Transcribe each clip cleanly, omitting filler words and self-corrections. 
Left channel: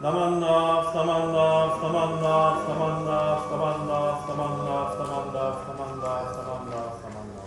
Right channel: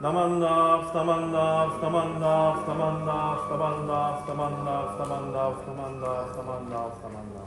Namanda, Samanda, Samanda, Samanda, Samanda, Samanda, Samanda, Samanda, Samanda, Samanda.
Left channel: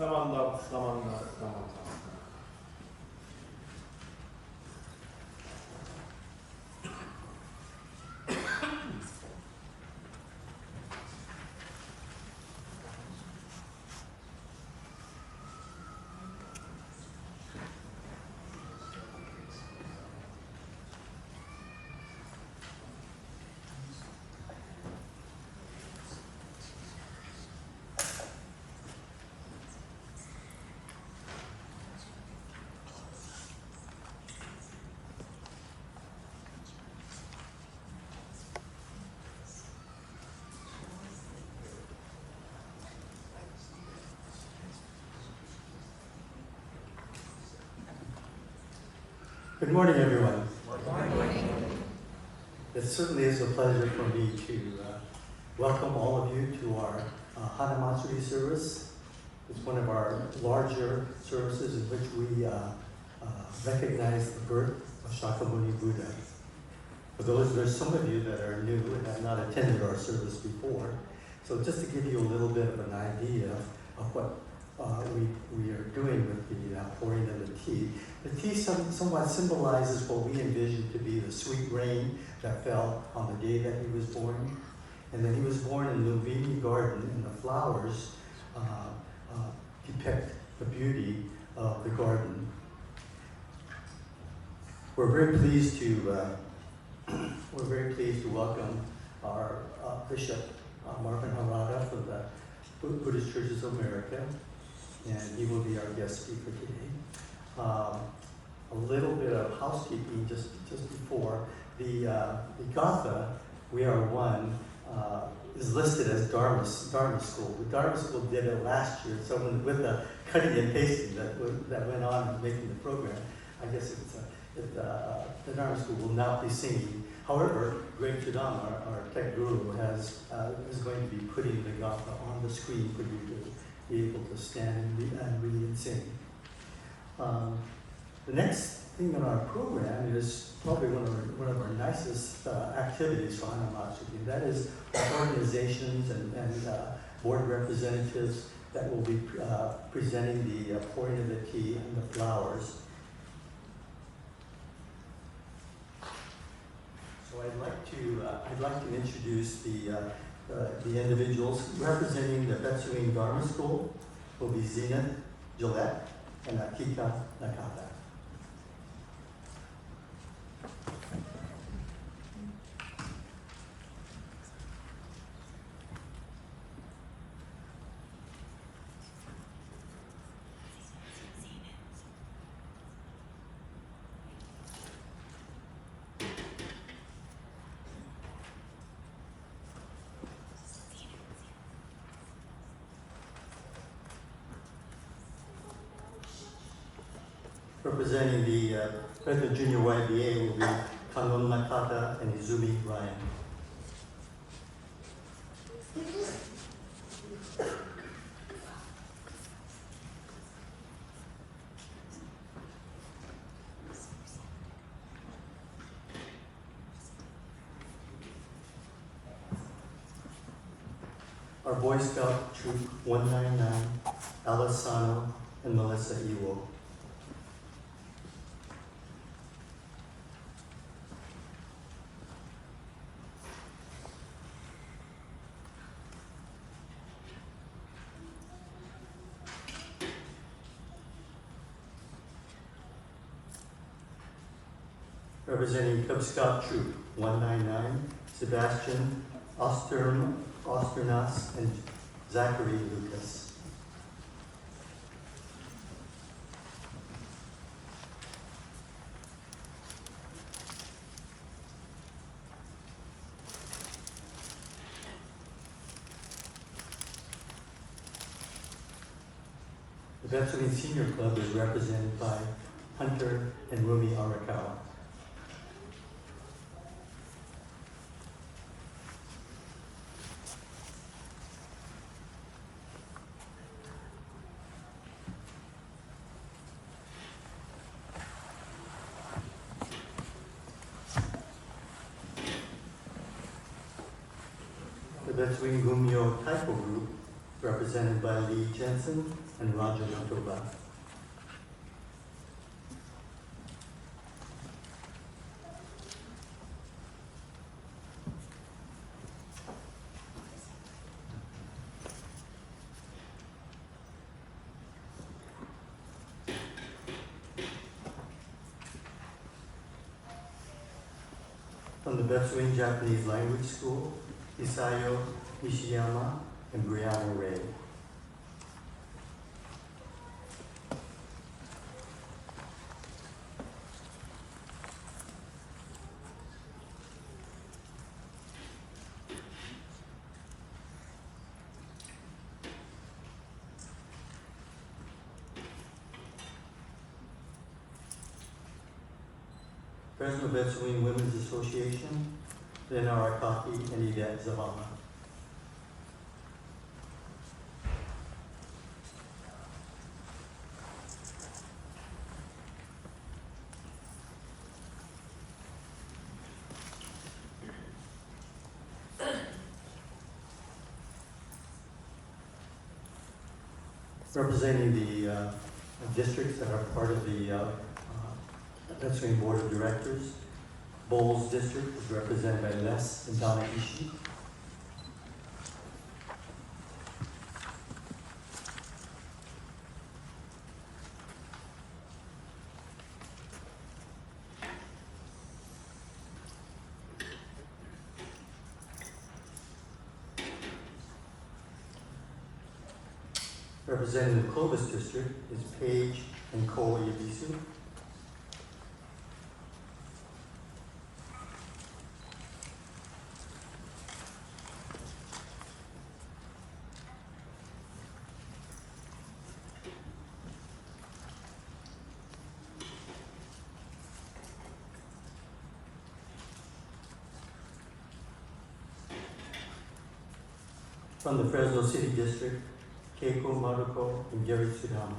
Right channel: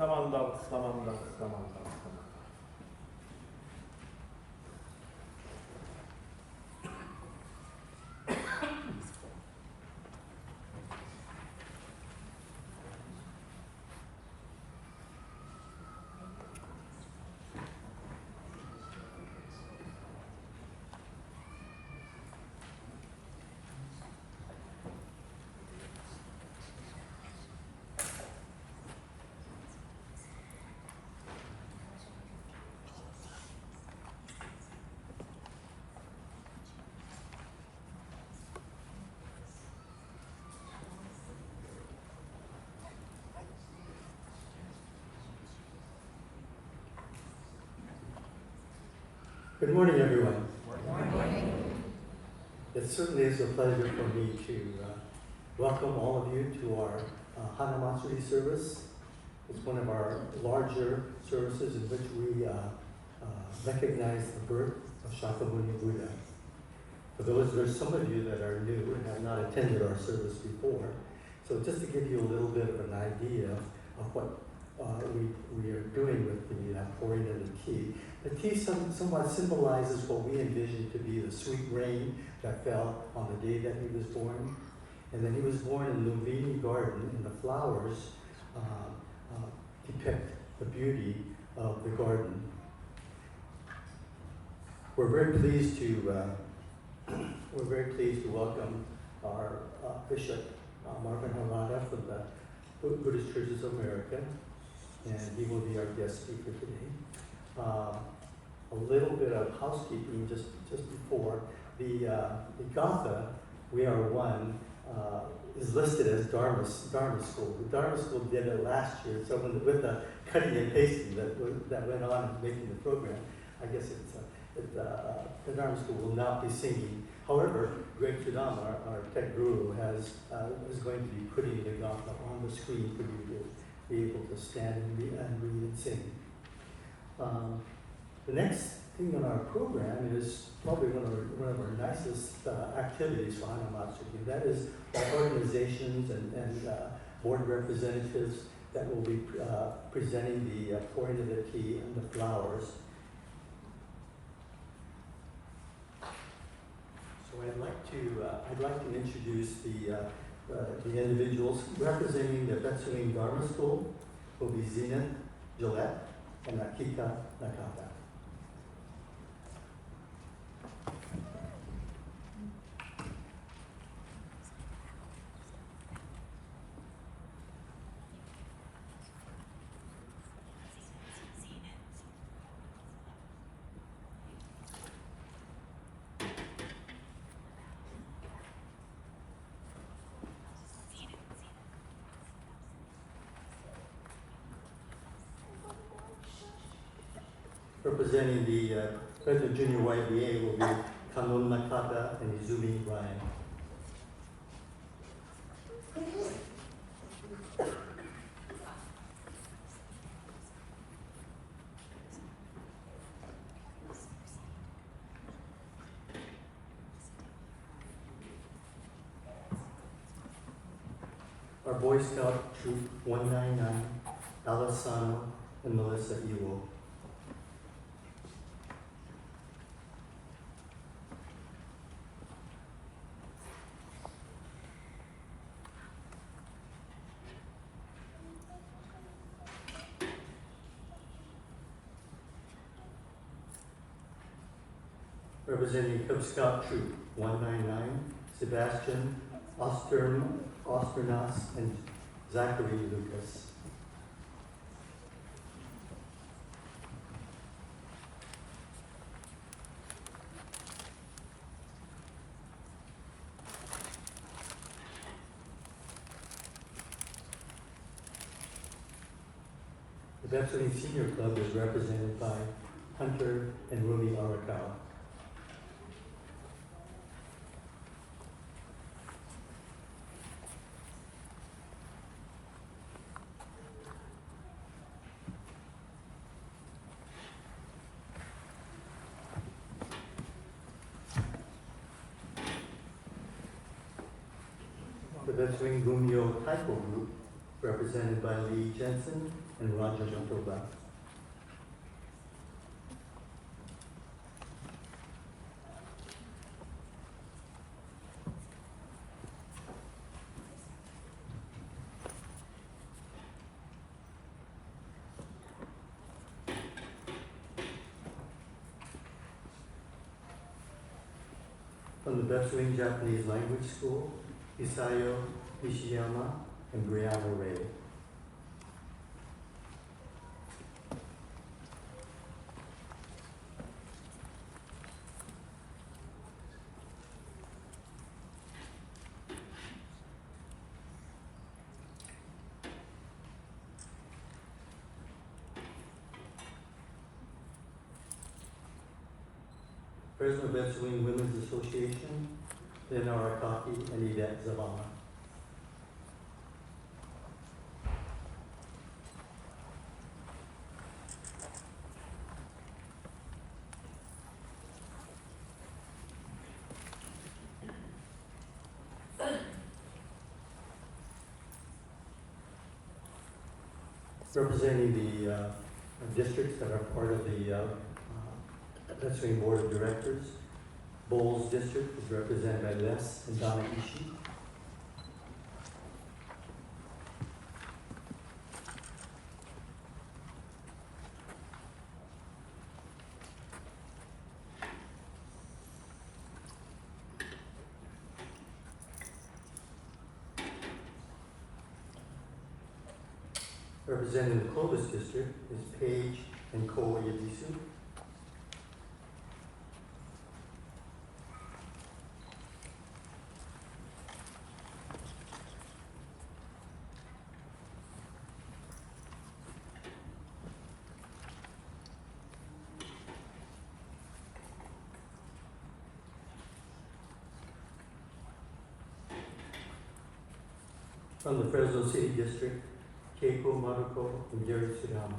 Samanda, Samanda, Samanda. Good morning, everyone. Good morning. It certainly is a pleasure for me to welcome all of you to our Hanamatsuri service. It's one of our larger services in which we recognize the birth of Shakyamuni Buddha. For those, there's some of you that are new and have not attended our service before. So just to give you a little bit of an idea of what we are doing with the pouring of the tea. The tea somewhat symbolizes what we envision to be the sweet rain that fell on the day that he was born. And then he was born in Lumbini Garden, and the flowers depict the beauty of the garden. We're very pleased to welcome our Bishop Marvin Harada from the Buddhist Churches of America, and he will be our guest speaker today. A little bit of housekeeping just before. The Gatha, We Are One, is listed as Dharma School. The Dharma School did it last year, so with the cutting and pasting that went on in making the program, I guess the Dharma School will not be singing. However, Greg Chudama, our tech guru, is going to be putting the Gatha on the screen for you to be able to stand and read and sing. The next thing on our program is probably one of our nicest activities for Hanamatsuri. That is our organizations and board representatives that will be presenting the pouring of the tea and the flowers. So I'd like to introduce the individuals representing the Betsuing Dharma School. Will be Zenith Gillette. and Akika Nakata. Representing the Fresno Junior YBA will be Kanon Nakata and Izumi Ryan. Our Boy Scout Troop 199, Alisano and Melissa Iwo. Representing Cub Scout Troop 199, Sebastian Osternas and Zachary Lucas. The Betswing Senior Club is represented by Hunter and Rumi Arakawa. The Betswing Gumyo Taiko Group, represented by Lee Jensen and Roger Motoba. From the Betswing Japanese Language School, Isayo Nishiyama and Brianna Ray. Fresno Betswing Women's Association, Lynn Arakaki and Edette Zavala. Representing the districts that are part of the Betswing Board of Directors, Bowles District is represented by Les and Donna Ishii. Representing the Clovis District is Paige and Cole Yabisu. From the Fresno City District, Keiko Maruko and Gary Sudama.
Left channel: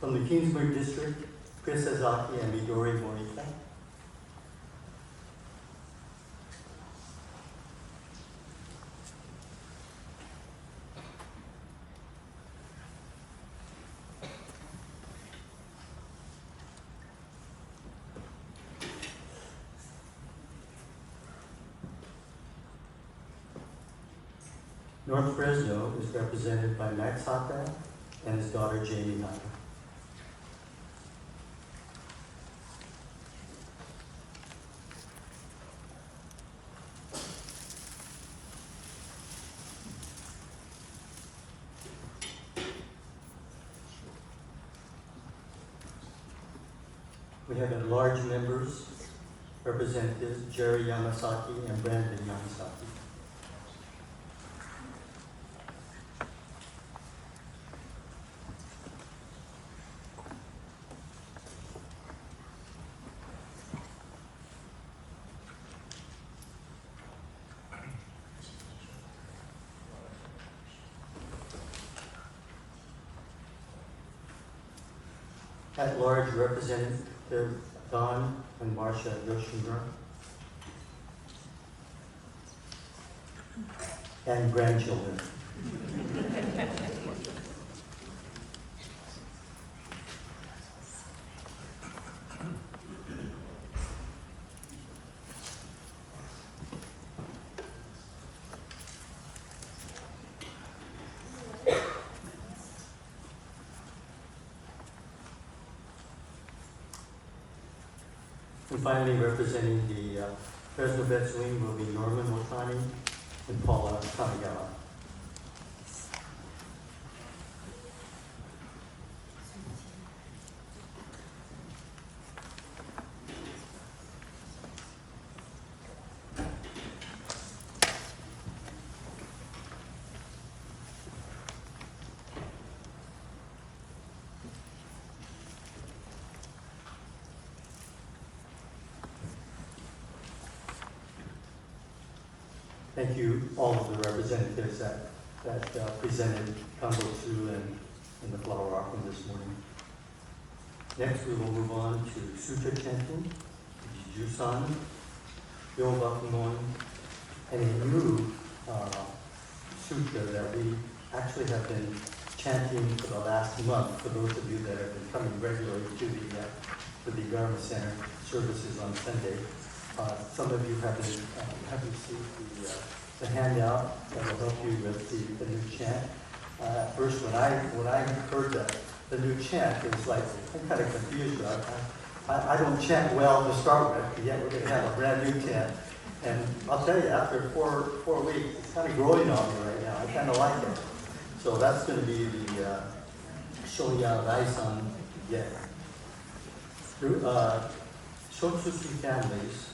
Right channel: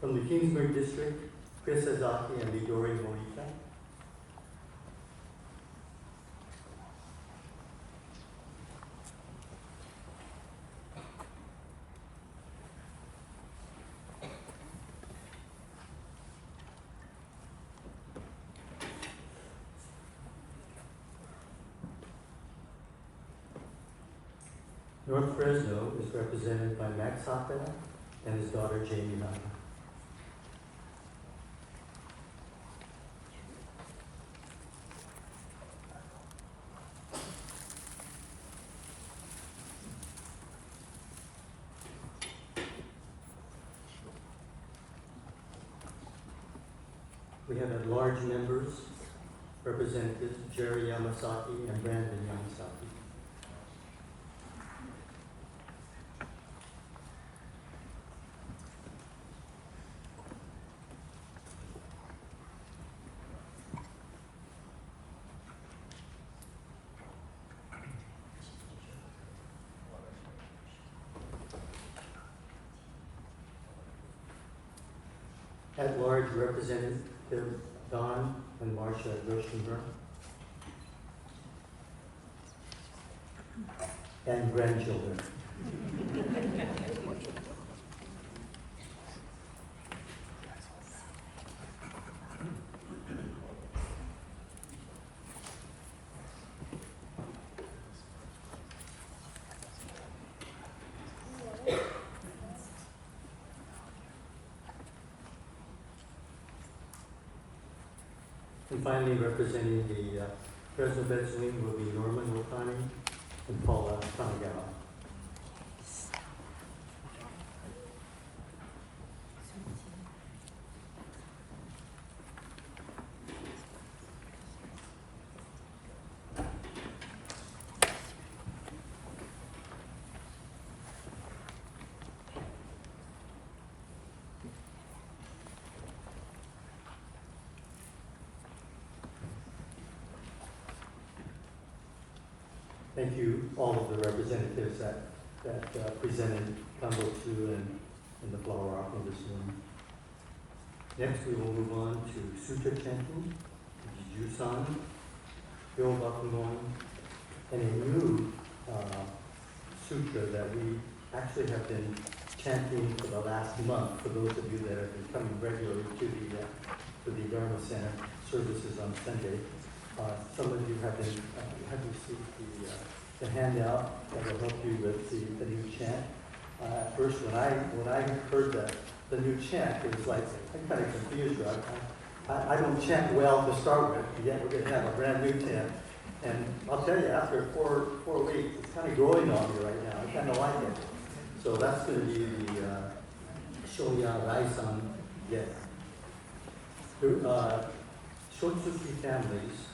From the Kingsbury District, Chris Azaki and Midori Morita. North Fresno is represented by Max Hata and his daughter Jamie Hata. We have at-large members, Representatives Jerry Yamasaki and Brandon Yamasaki. At-large Representative Don and Marcia Yoshimura, and grandchildren. And finally, representing the Fresno Beds Wing will be Norman Otani and Paula Kanagawa. Thank you, all of the representatives that presented Kambotsu and the flower offering this morning. Next, we will move on to Sutra chanting, Jusan, Yobakumon, and a new sutra that we actually have been chanting for the last month, for those of you that have been coming regularly to the Dharma Center services on Sunday. Some of you have received the handout that will help you with the new chant. First, when I heard the new chant, it was like, I'm kind of confused. I don't chant well to start with, yet we're going to have a brand new chant. And I'll tell you, after four weeks, it's kind of growing on me right now. I kind of like it. So that's going to be the Shoya Raisan Yen. Shotsuki families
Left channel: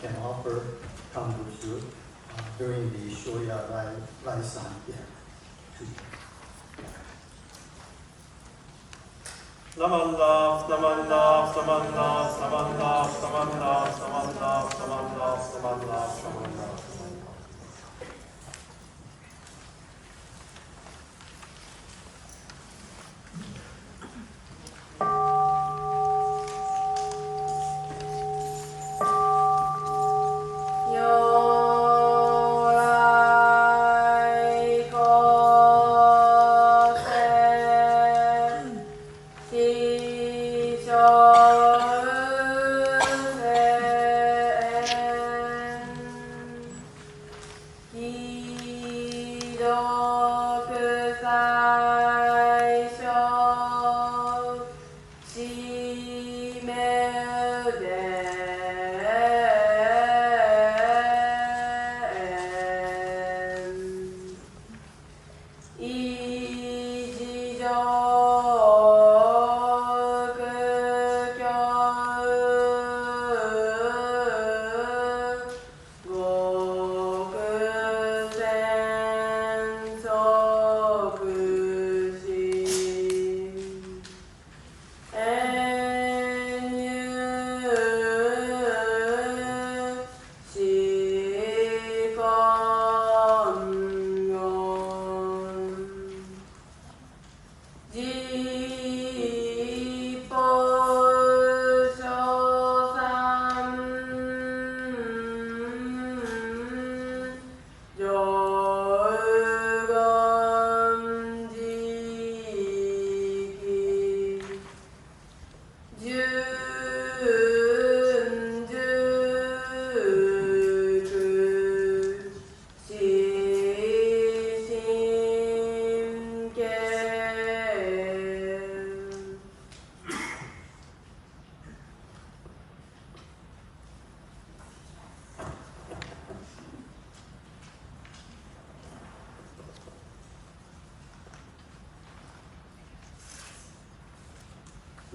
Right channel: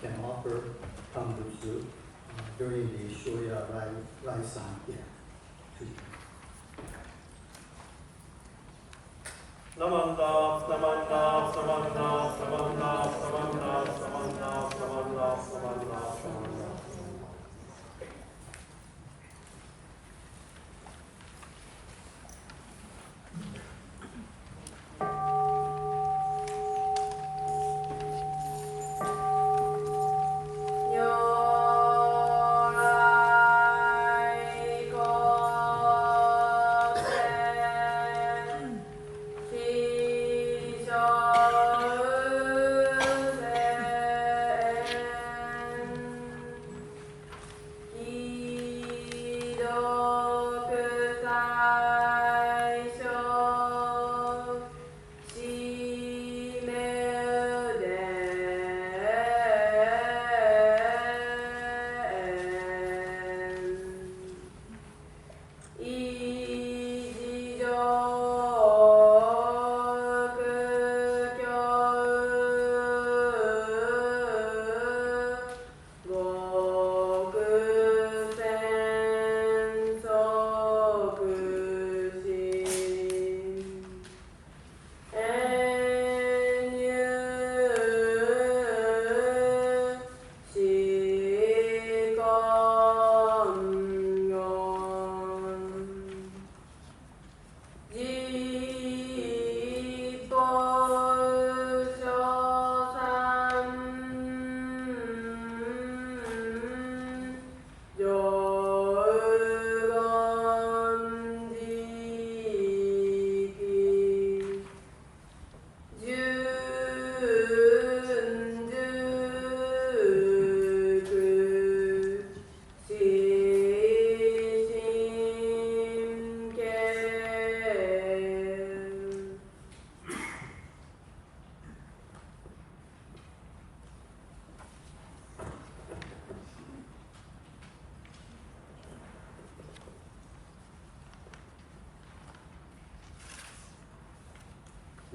can offer Kambutsu during the Shoya Raisan Yen. Namanda, Namanda, Namanda, Namanda, Namanda, Namanda, Namanda, Namanda, Namanda.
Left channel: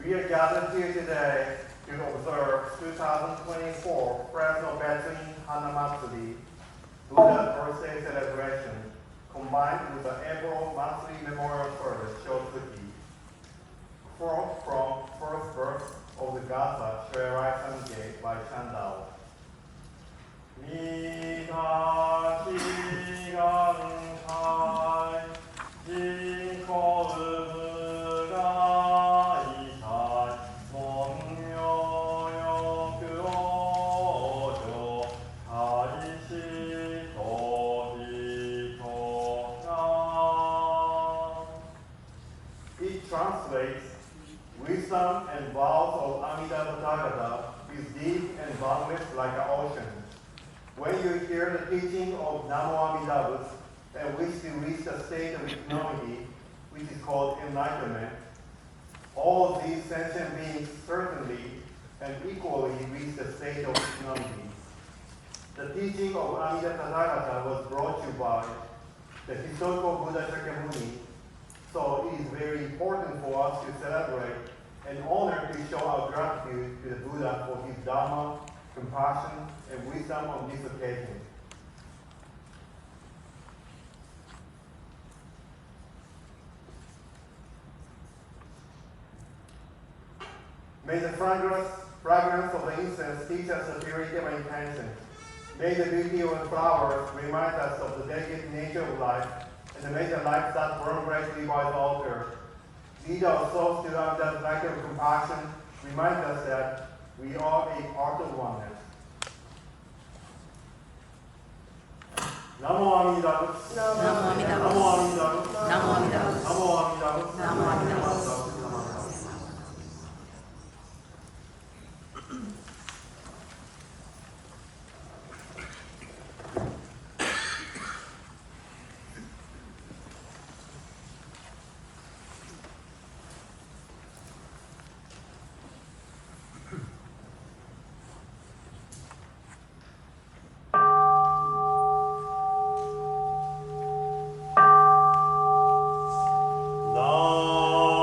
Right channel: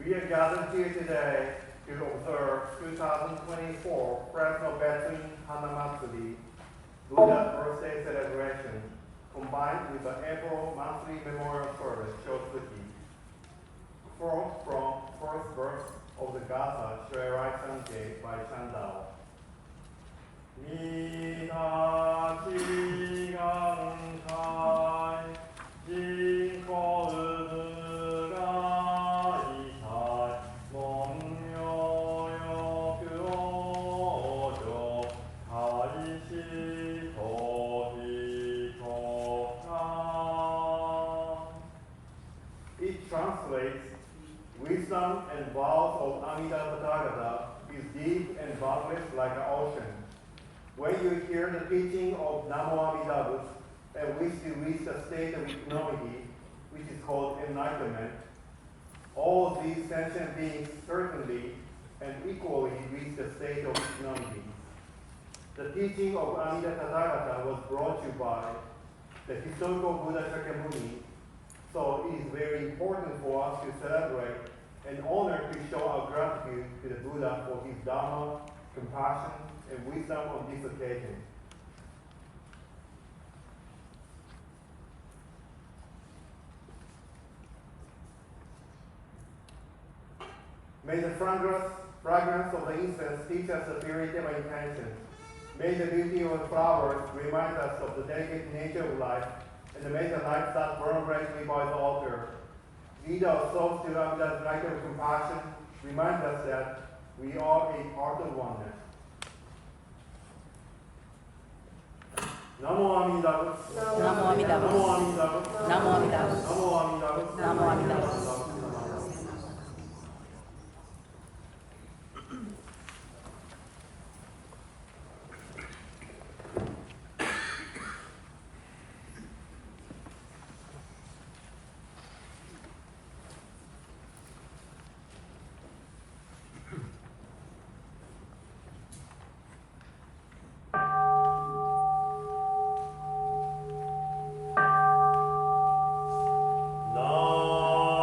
We are gathered here today to observe 2024 Fresno Veteran Hanamatsuri Buddha birthday celebration combined with the April monthly memorial service Shokuti. From first verse of the Gatha Shrerai Sangye by Chandao. Misaki Nakai Jinko Uga Monyo Yoku Taishi It translates, wisdom and vows of Amida Tathagata is deep and boundless like an ocean. When you hear the teaching of Namo Amida and wish to reach the state of equanimity, which is called enlightenment, all of these sentient beings certainly and equally reach the state of equanimity. The teaching of Amida Tathagata was brought to you by the historical Buddha Shakyamuni, so it is very important for us to celebrate and honor to show our gratitude to the Buddha for his Dharma, compassion, and wisdom on this occasion. May the fragrance of the incense teach us the purity of intention. May the beauty of the flowers remind us of the delicate nature of life, and may the lights that burn brightly by the altar lead our souls to love that light of compassion, remind us that we are a part of oneness. Namo Amida Butsu. Namo Amida Butsu. Namo Amida Butsu. Namo Amida Butsu. Namo Amida Butsu. Namo Amida Butsu. Nam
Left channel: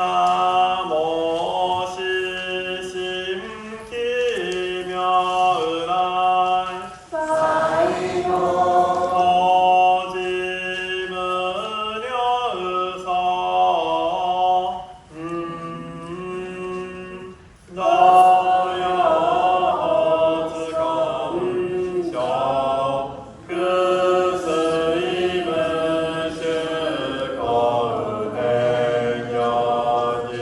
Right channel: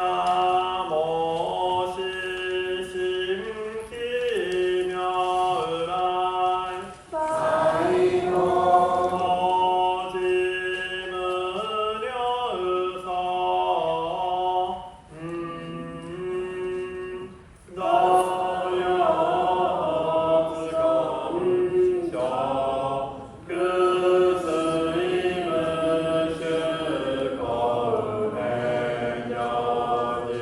나모 시심키며 의랄 거짓문여 의서 너여 어즈검쇼 그 스님은 실거의 백년이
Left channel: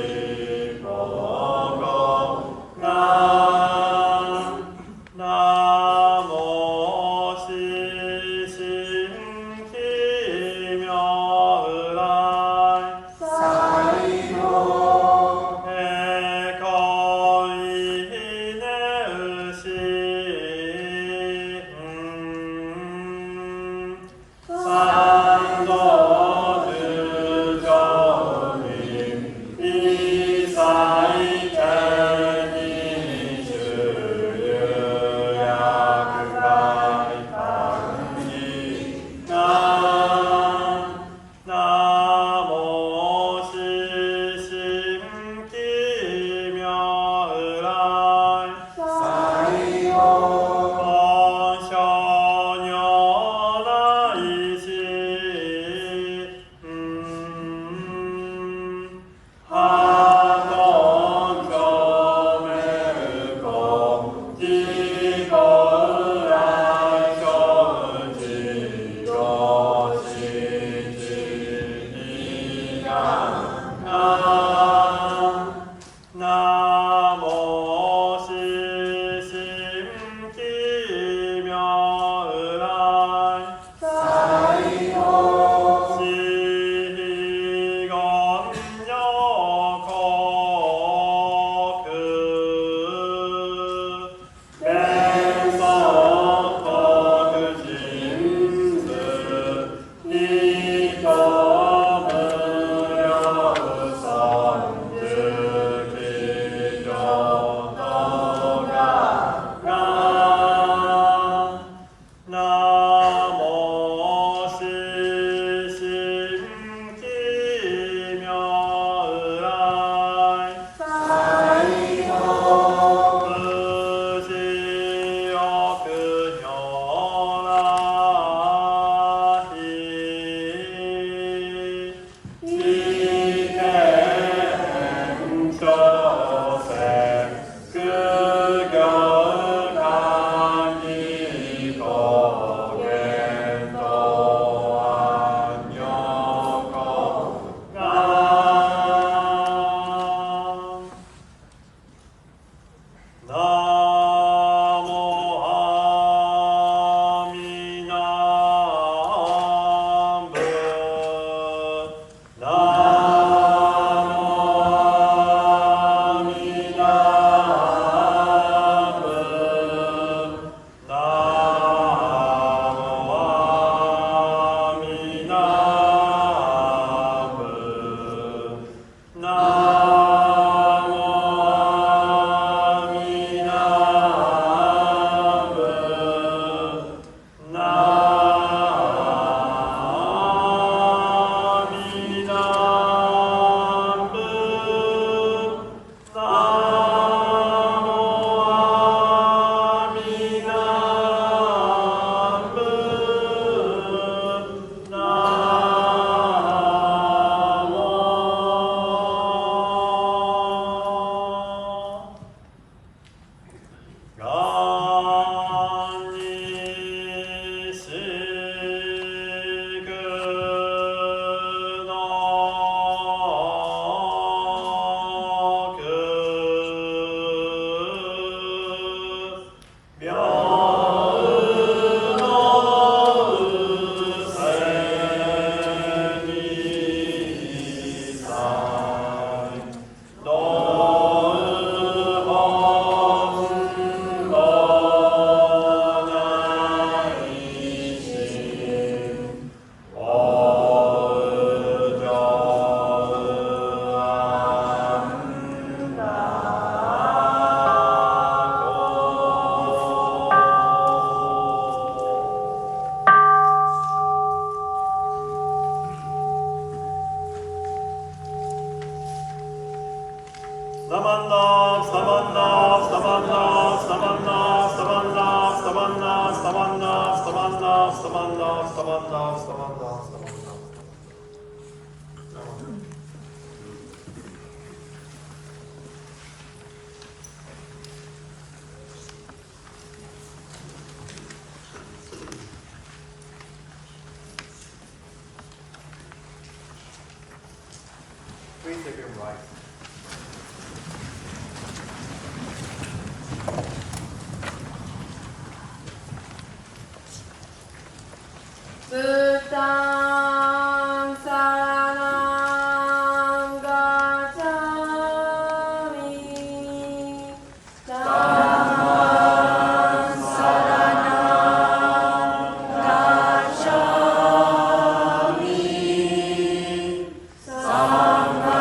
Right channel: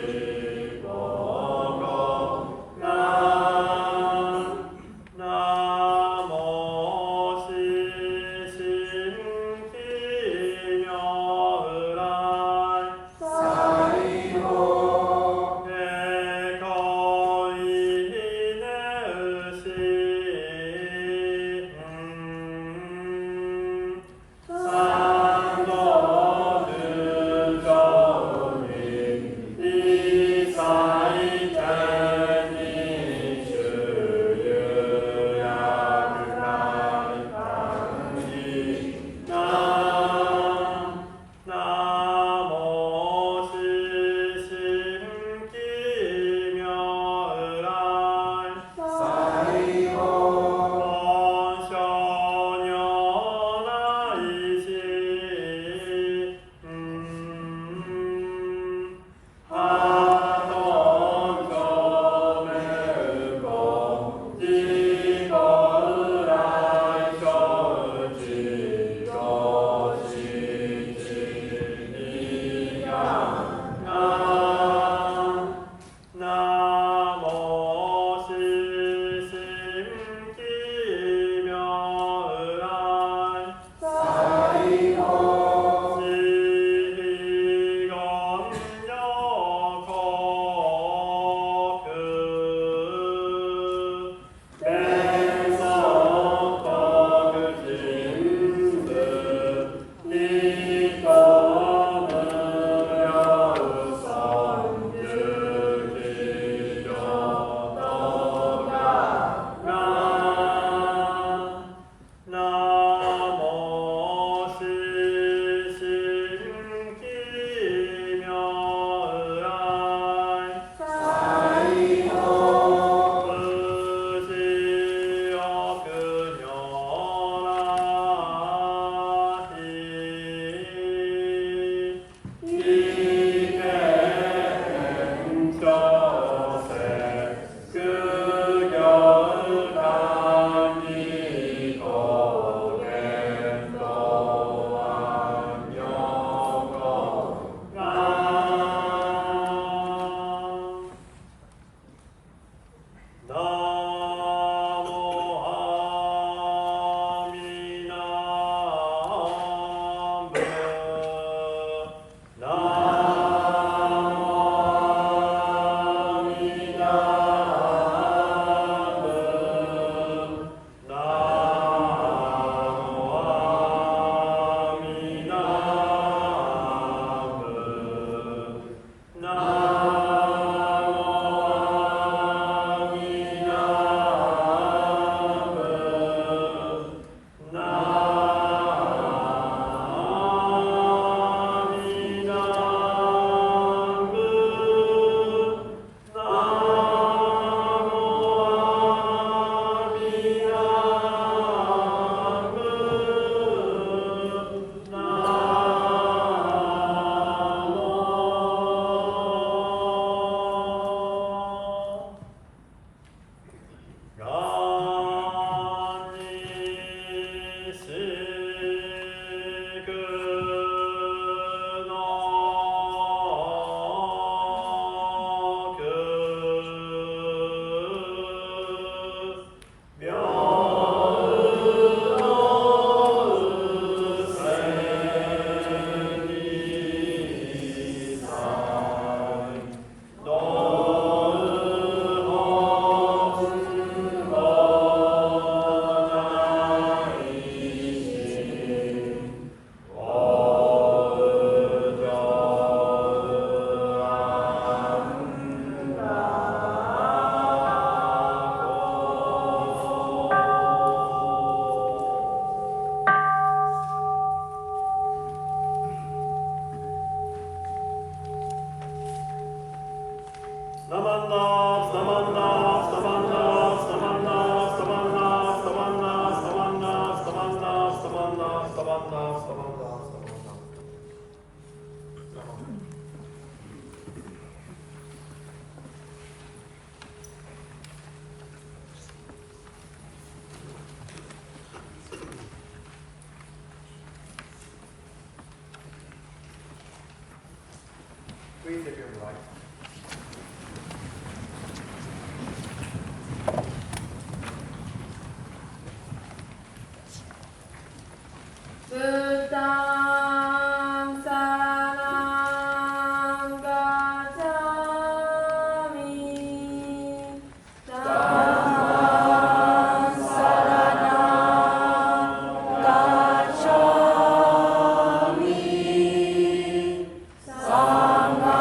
Please take your right. Buddham Saranam Gacchami. Dhammam Saranam Gacchami. Sangham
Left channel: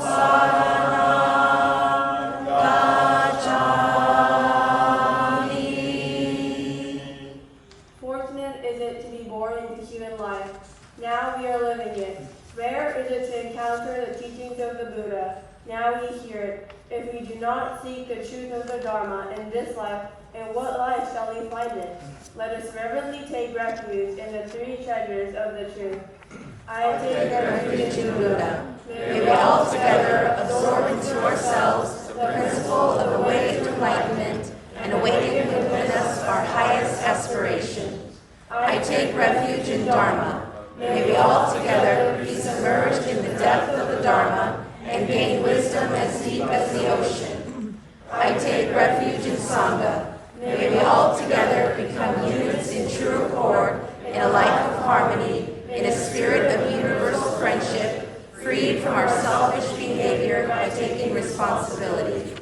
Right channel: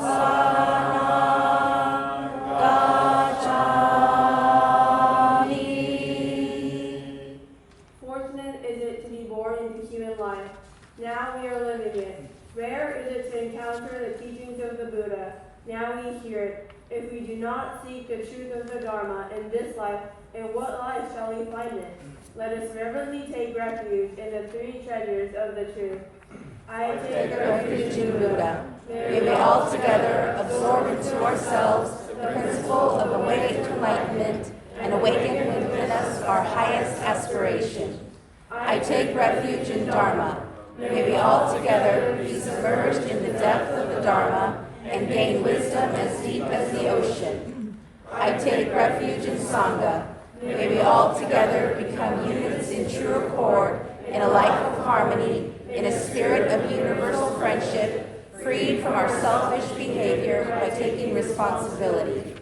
Saranam Gacchami. Fortunate is it to be born into human life. Now we are living it. Rare is it to encounter the teachings of the Buddha. Now we hear it. If we do not seek the truth of the Dharma in this life, in what life shall we find it? Let us reverently take refuge in the three treasures of the truth. I take refuge in Buddha. May we all together absorb into ourselves the principle of the way to enlightenment and awaken within us our highest aspiration. I take refuge in Dharma. May we all together be submerged in the depth of the Dharma and gain wisdom as deep as the ocean. I take refuge in Sangha. May we all together become units in true accord, in a life of harmony, in a spirit of universal friendship, freed from our selfish behavior by taking responsibility.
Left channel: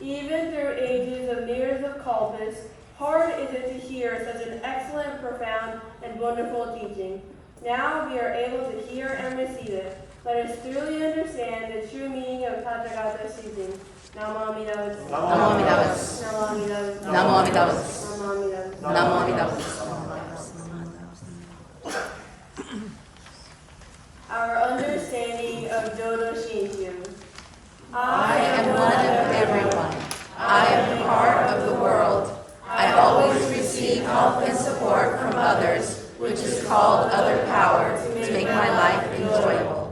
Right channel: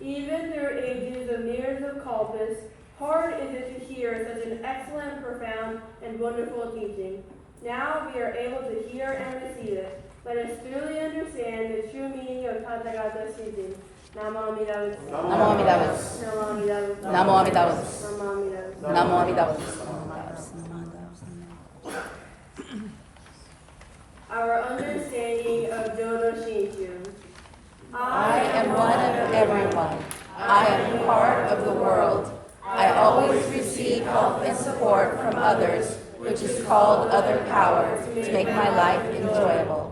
Even through ages of years of kalpas, hard is it to hear such an excellent, profound, and wonderful teaching. Now we are able to hear and receive it. Let us truly understand the true meaning of Tathagata's teaching. Namo Amida Butsu. Namo Amida Butsu. Namo Amida Butsu. Namo Amida Butsu. Namo Amida Butsu. Namo Amida Butsu. Our understanding of Jodo Shinshu. I am one of everyone. I am part of the world. I always receive help and support from others, which is called other power, to make my life enjoyable.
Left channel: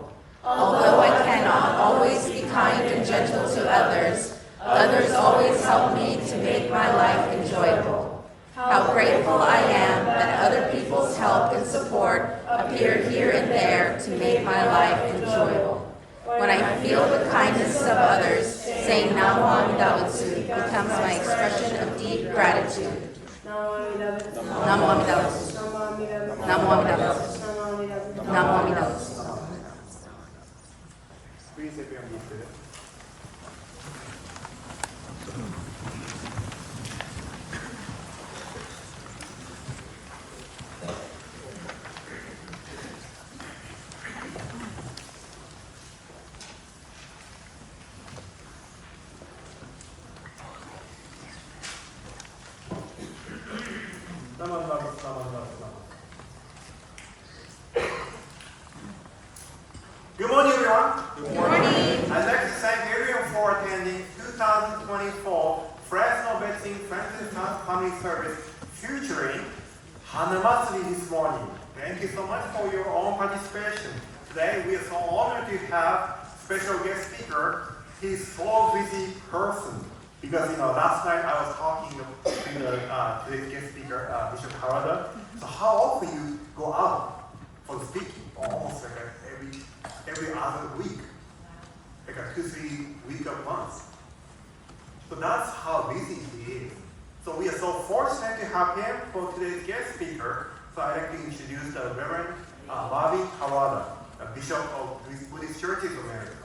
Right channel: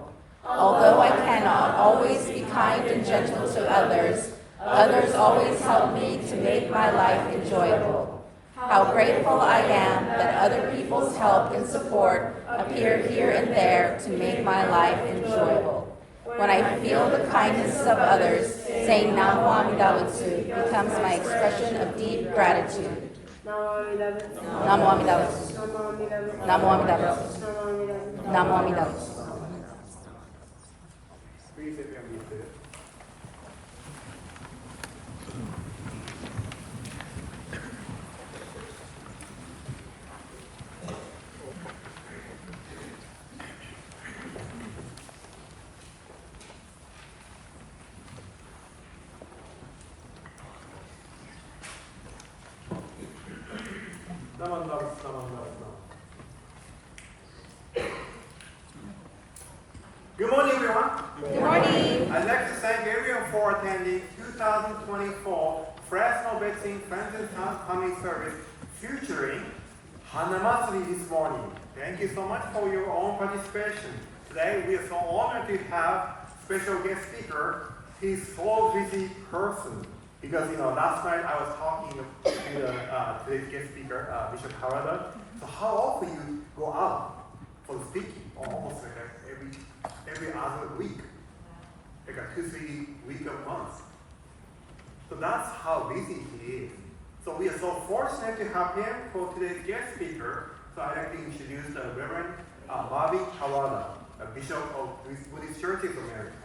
Although I cannot always be kind and gentle to others, others always help me to make my life enjoyable. How grateful I am that other people's help and support appear here and there to make my life enjoyable. When I feel the kindness of others, saying Namo Amida Butsu becomes my expression of deep gratitude. Namo Amida Butsu. Namo Amida Butsu. Namo Amida Butsu. Namo Amida Butsu. Namo Amida Butsu. Namo Amida Butsu. Please take your seat. Good morning, everyone. Good morning. I'd like to thank everyone for attending 2024 Fresno Vaccine Friends Family Service featuring Hanamatsuri this morning. Thank you so much for your own participation. Today we are so honored to have special guest speaker. He's so busy person. Because last night I was talking to today's guest speaker, Bishop Harada. So how often you go out for speaking? Almost like every other week, like a 2-3 week a month. So that's how busy he is. So we are so fortunate to have him for today's guest speaker. So I'd like to introduce the Reverend Marvin Harada, a bishop of Buddhist Churches of America.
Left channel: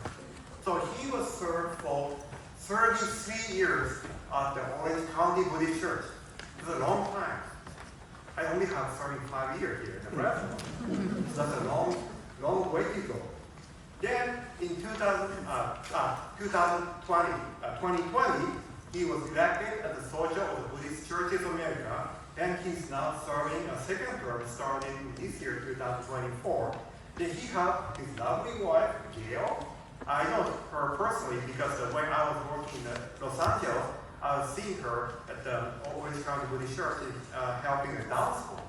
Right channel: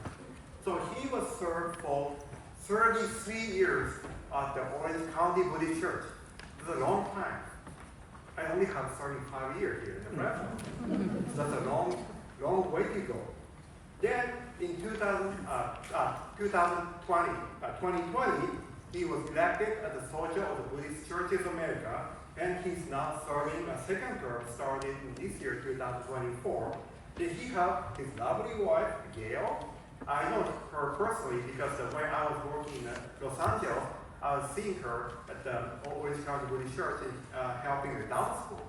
So he was served for 33 years at the Orange County Buddhist Church. It's a long time. I only have 35 years here in Fresno. So that's a long way to go. Then in 2020, he was elected as a soldier of the Buddhist Churches of America, and he's now serving a second term starting this year, 2024. Then he has his lovely wife, Gale. I know her her personally because when I was working in Los Angeles, I was seeing her at the Orange County Buddhist Church helping the dance school.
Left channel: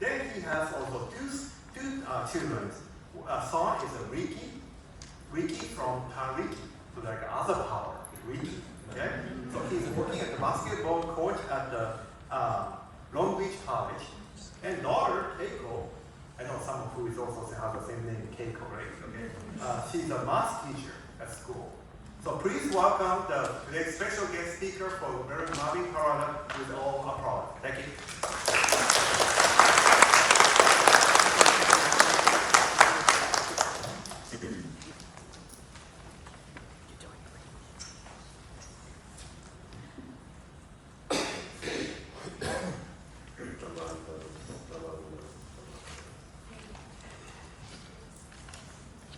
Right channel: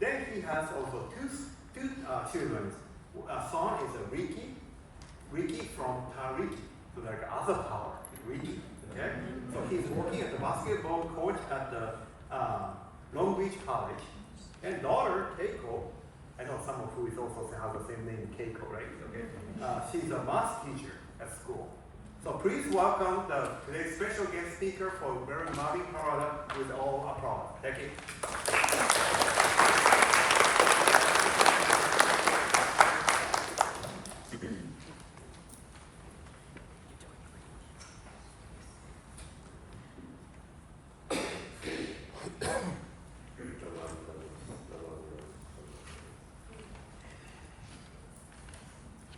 Then he has also two children. Son is a Riki from Riki, so like other power, Riki. Okay, so he's working at the basketball coach at the Long Beach College, and daughter Keiko. I know someone who is also has the same name, Keiko, right? Okay, she's a math teacher at school. So please welcome today's special guest speaker for Marvin Harada with all applause. Thank you.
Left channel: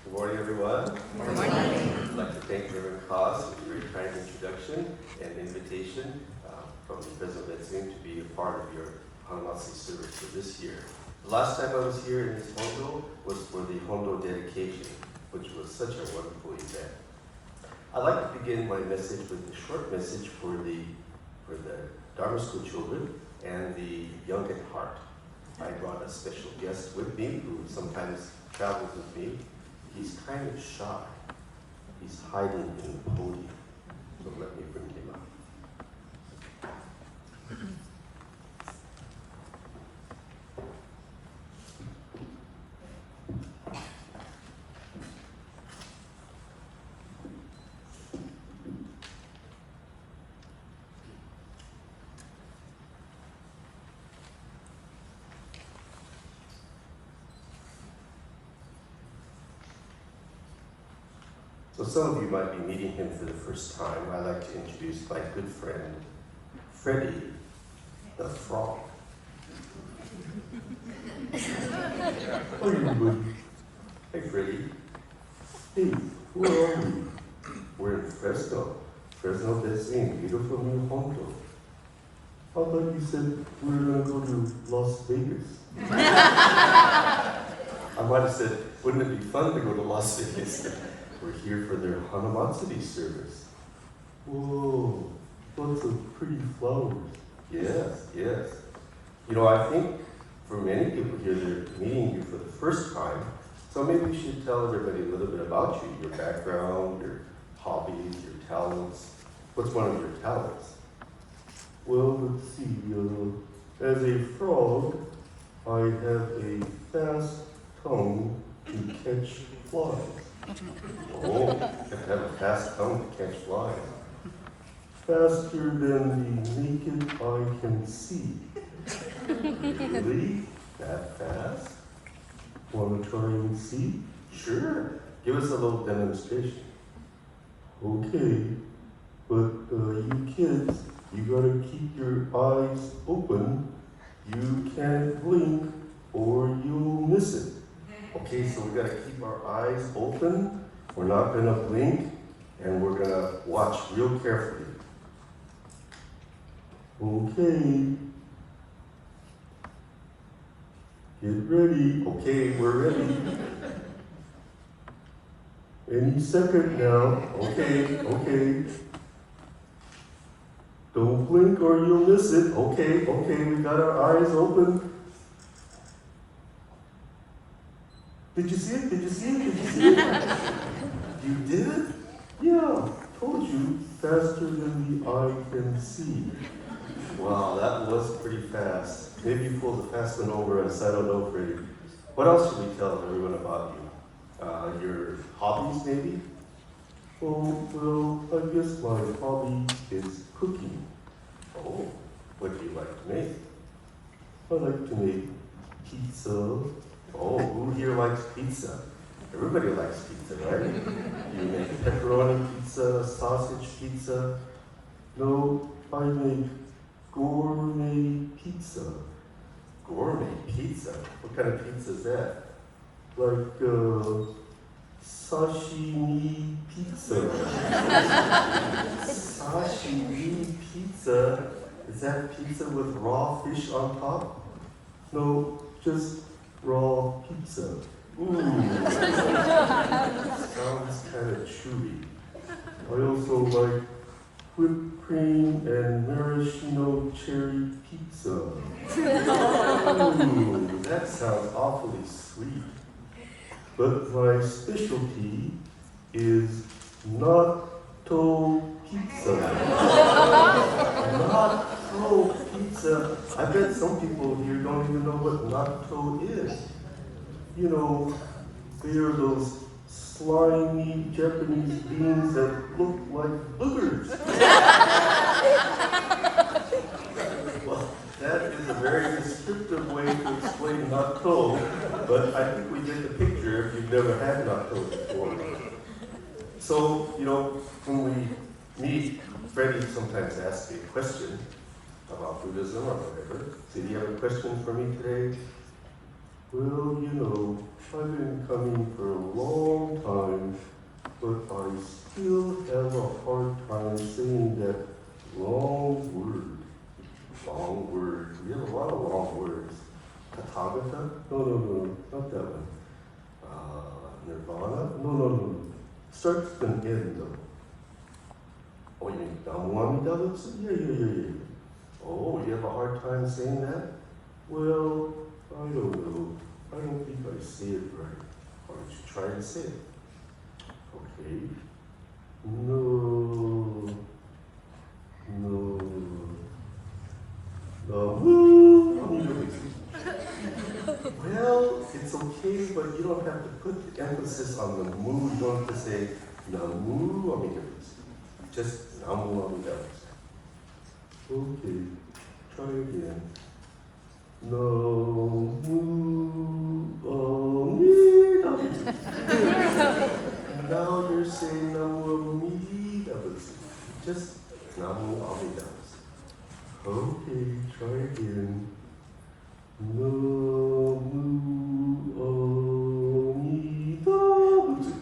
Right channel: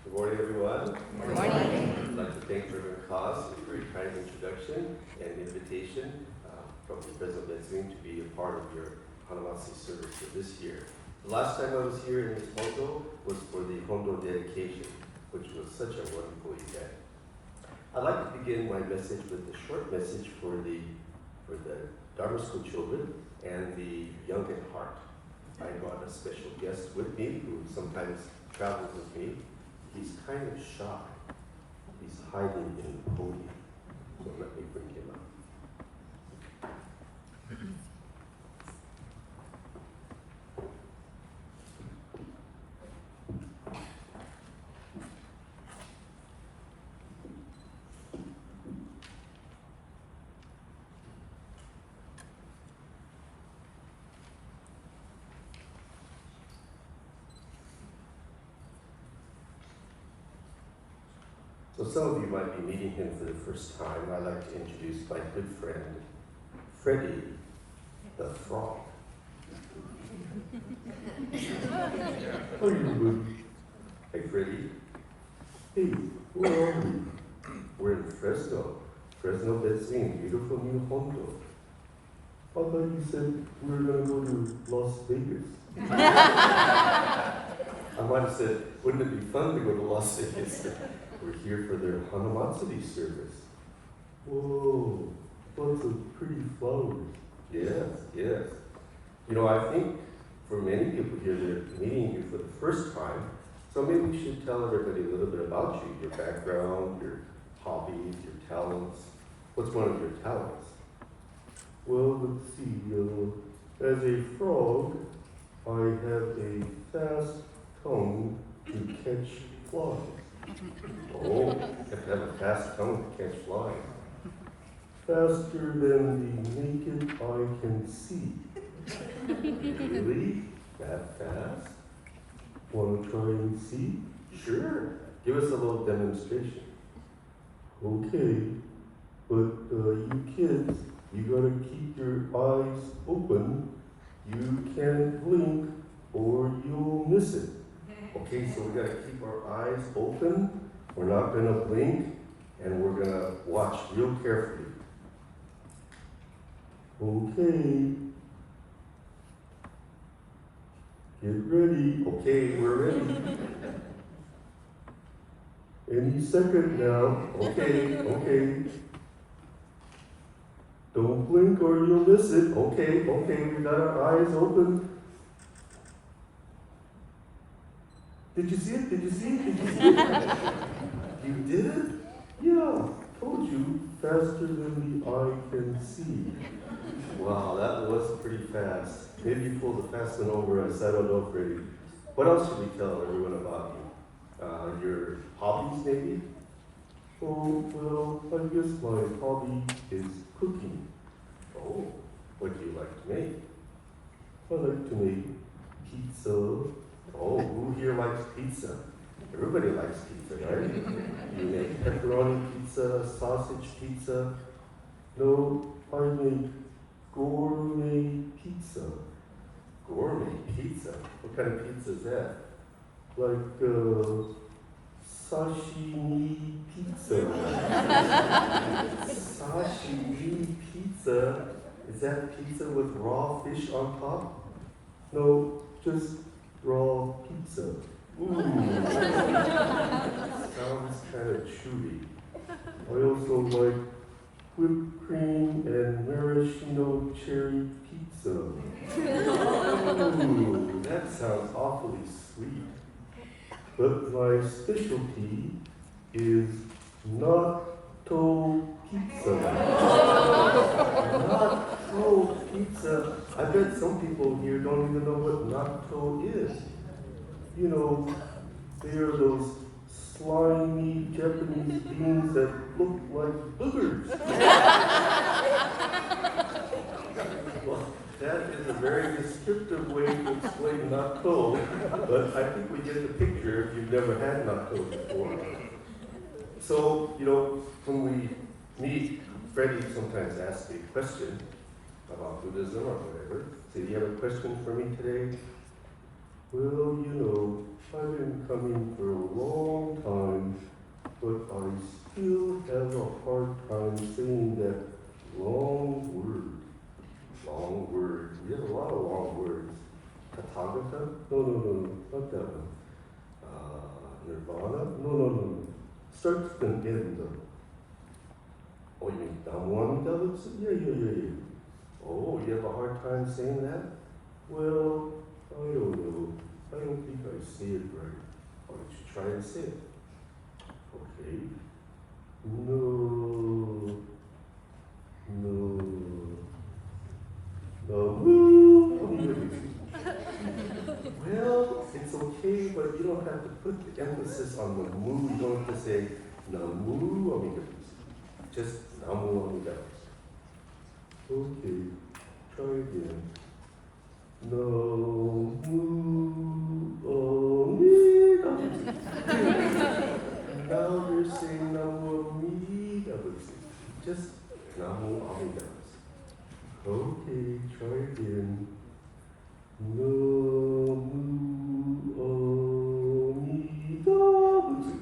Good morning, everyone. Good morning. I'd like to thank Reverend Cos for a very kind introduction and invitation from the Fresno BCA to be a part of your Hanamatsuri service for this year. The last time I was here in this Hondo was for the Hondo dedication, which was such a wonderful event. I'd like to begin my message with a short message for the Dharma School children and the young at heart. I brought a special guest with me who sometimes travels with me. He's kind of shy. He's hiding in the podium. So let me bring him up. So some of you might be meeting him for the first time. I'd like to introduce my good friend, Freddie the Frog. Hi, everybody. Hey, Freddie. Hey, where are we? We're in Fresno BCA, beautiful new Hondo. I thought you said we were going to go to Las Vegas. I might have said, wouldn't it be fun to go to Las Vegas? We're here for their Hanamatsuri service. Whoa, lots of pretty flowers. Yes, yes. You know, I think for many people here, they're meeting you for the first time, so maybe we should tell everybody a little bit about you, your background, your hobbies, your talents. What's one of your talents? Well, let's see. As a frog, I have a fast tongue to catch flies. Oh, you have to have a fast tongue to catch flies. Faster than the naked eye can see. Really? That fast? Want to try and see? Sure. Give us a little demonstration. Okay, but you kids, you gotta keep your eyes open. You can't blink or you'll miss it. Okay, so we gotta keep our eyes open. We're not gonna blink, and we're gonna watch real carefully. Okay. Get ready. Okay, we're ready. Any second now. Okay, okay. Don't blink or you'll miss it. Okay, okay, we got our eyes open. Did you see it? Did you see it? Did you see it? You did? Yeah, told you, faster than the eye can see. Wow, that was pretty fast. Maybe you pulled a fast one over us, I don't know, Freddie. What else should we tell everyone about you? Your hobbies, maybe? Oh, well, I guess my hobby is cooking. Oh, what do you like to make? I like to make pizza. Oh, who here likes pizza? Everybody likes pizza, right? You make pepperoni pizza, sausage pizza. No, I make gourmet pizza. Gourmet pizza? What kind of pizza is that? Like, sashimi pizza. Sashimi pizza? Is that pizza with raw fish on top? No, just raw pizza. Ooh, sounds kind of chewy. I also like whipped cream and maraschino cherry pizza. Ooh, that sounds awfully sweet. But my specialty is natto pizza. Natto pizza. I bet some people here don't even know what natto is. You know, they are those slimy Japanese beans that look like boogers. Well, that is a very descriptive way to explain natto, but I think we get the picture if you've never had natto before. So, you know, when we meet, Freddie sometimes asks me a question about Buddhism or whatever. So, do you have a question for me today? Well, you know, I've been coming for a long time, but I still have a hard time saying that long word. Long word. We have a lot of long words. Tathagata? No, not that one. Nirvana? No. Starts with an N though. Oh, you mean Namu Amida Butsu? Yeah. Oh, you have a hard time saying that? Well, I don't know. I don't think I say it right. Why don't you try to say it? Okay. No. Well, it's okay, but you don't have to put the emphasis on the mu. You don't have to say Namu Amida Butsu. Just Namu Amida Butsu. Okay, try again. Namu Amida Butsu. Now you're saying Namu Amida Butsu. Just Namu Amida Butsu. Okay, try again. Namu Amida Butsu.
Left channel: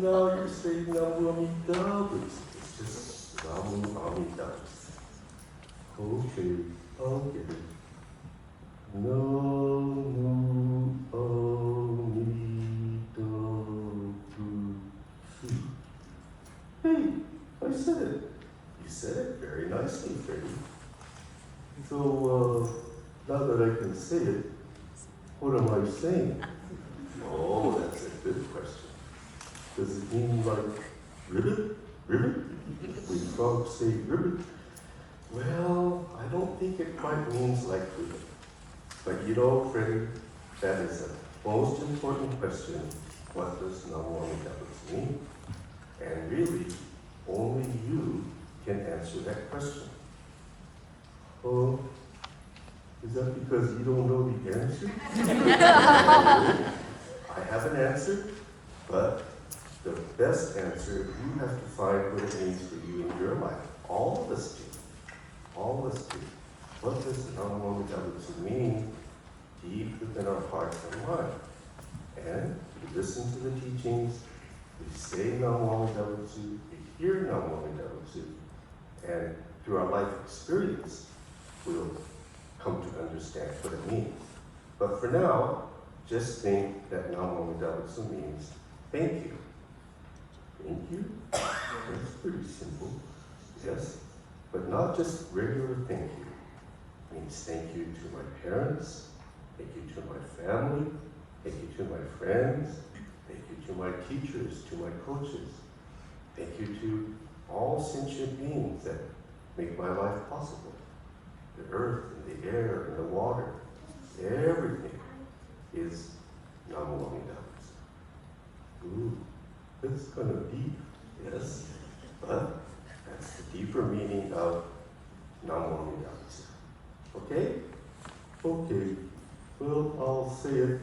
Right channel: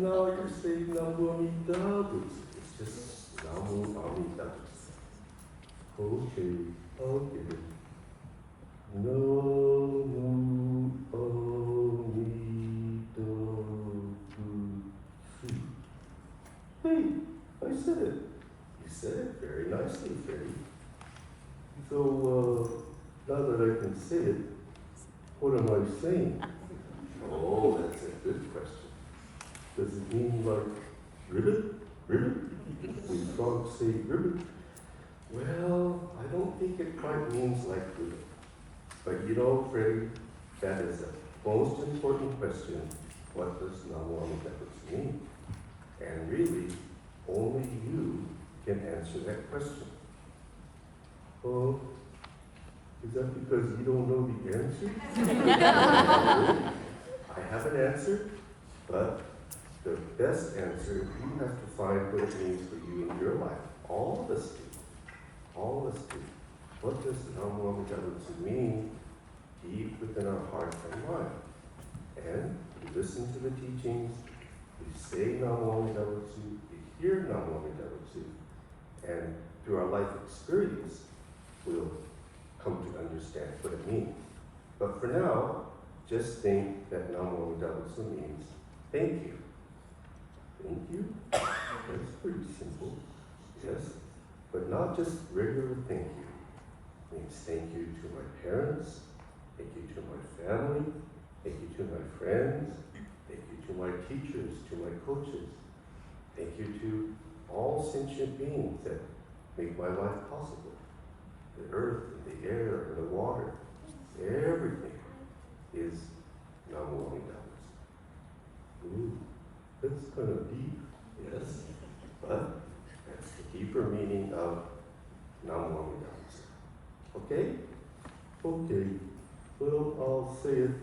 Now you're saying Namu Amida Butsu. It's just Namu Amida Butsu. Okay, I'll get it. Namu Amida Butsu. Hey, I said it. You said it very nicely, Freddie. So, now that I can say it, what am I saying? Oh, that's a good question. Does it mean like ribbit? Ribbit? We frogs say ribbit? Well, I don't think it quite means like ribbit. But you know, Freddie, that is the most important question. What does Namu Amida Butsu mean? And really, only you can answer that question. Oh, is that because you don't know the answer? I have an answer, but the best answer, you have to find what it means for you in your life. All of us do. All of us do. What does Namu Amida Butsu mean deep within our heart and mind? And we listen to the teachings, we say Namu Amida Butsu, we hear Namu Amida Butsu, and through our life experience, we'll come to understand what it means. But for now, just think that Namu Amida Butsu means thank you. Thank you? That's pretty simple, yes. But not just regular thank you. It means thank you to my parents, thank you to my family, thank you to my friends, thank you to my teachers, to my coaches. Thank you to all sentient beings that make my life possible. The earth and the air and the water, everything is Namu Amida Butsu. Ooh, it's kind of deep, yes, but that's the deeper meaning of Namu Amida Butsu. Okay? Okay. Well, I'll say it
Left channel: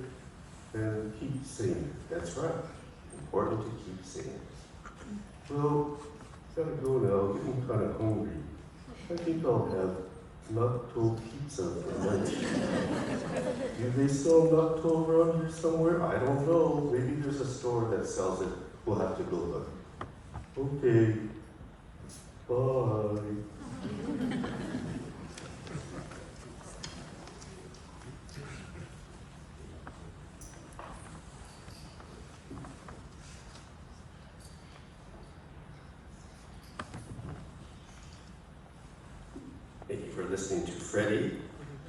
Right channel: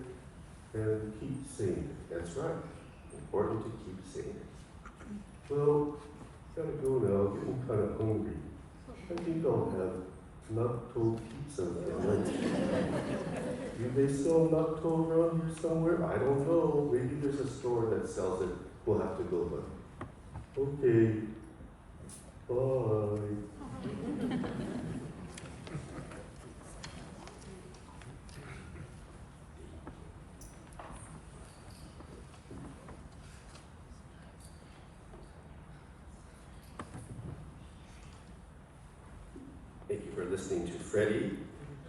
and keep saying it. That's right. Important to keep saying it. Well, gotta go now. I'm getting kind of hungry. I think I'll have natto pizza for lunch. Do they sell natto around here somewhere? I don't know. Maybe there's a store that sells it. We'll have to go look. Okay. Bye. listening to Freddie.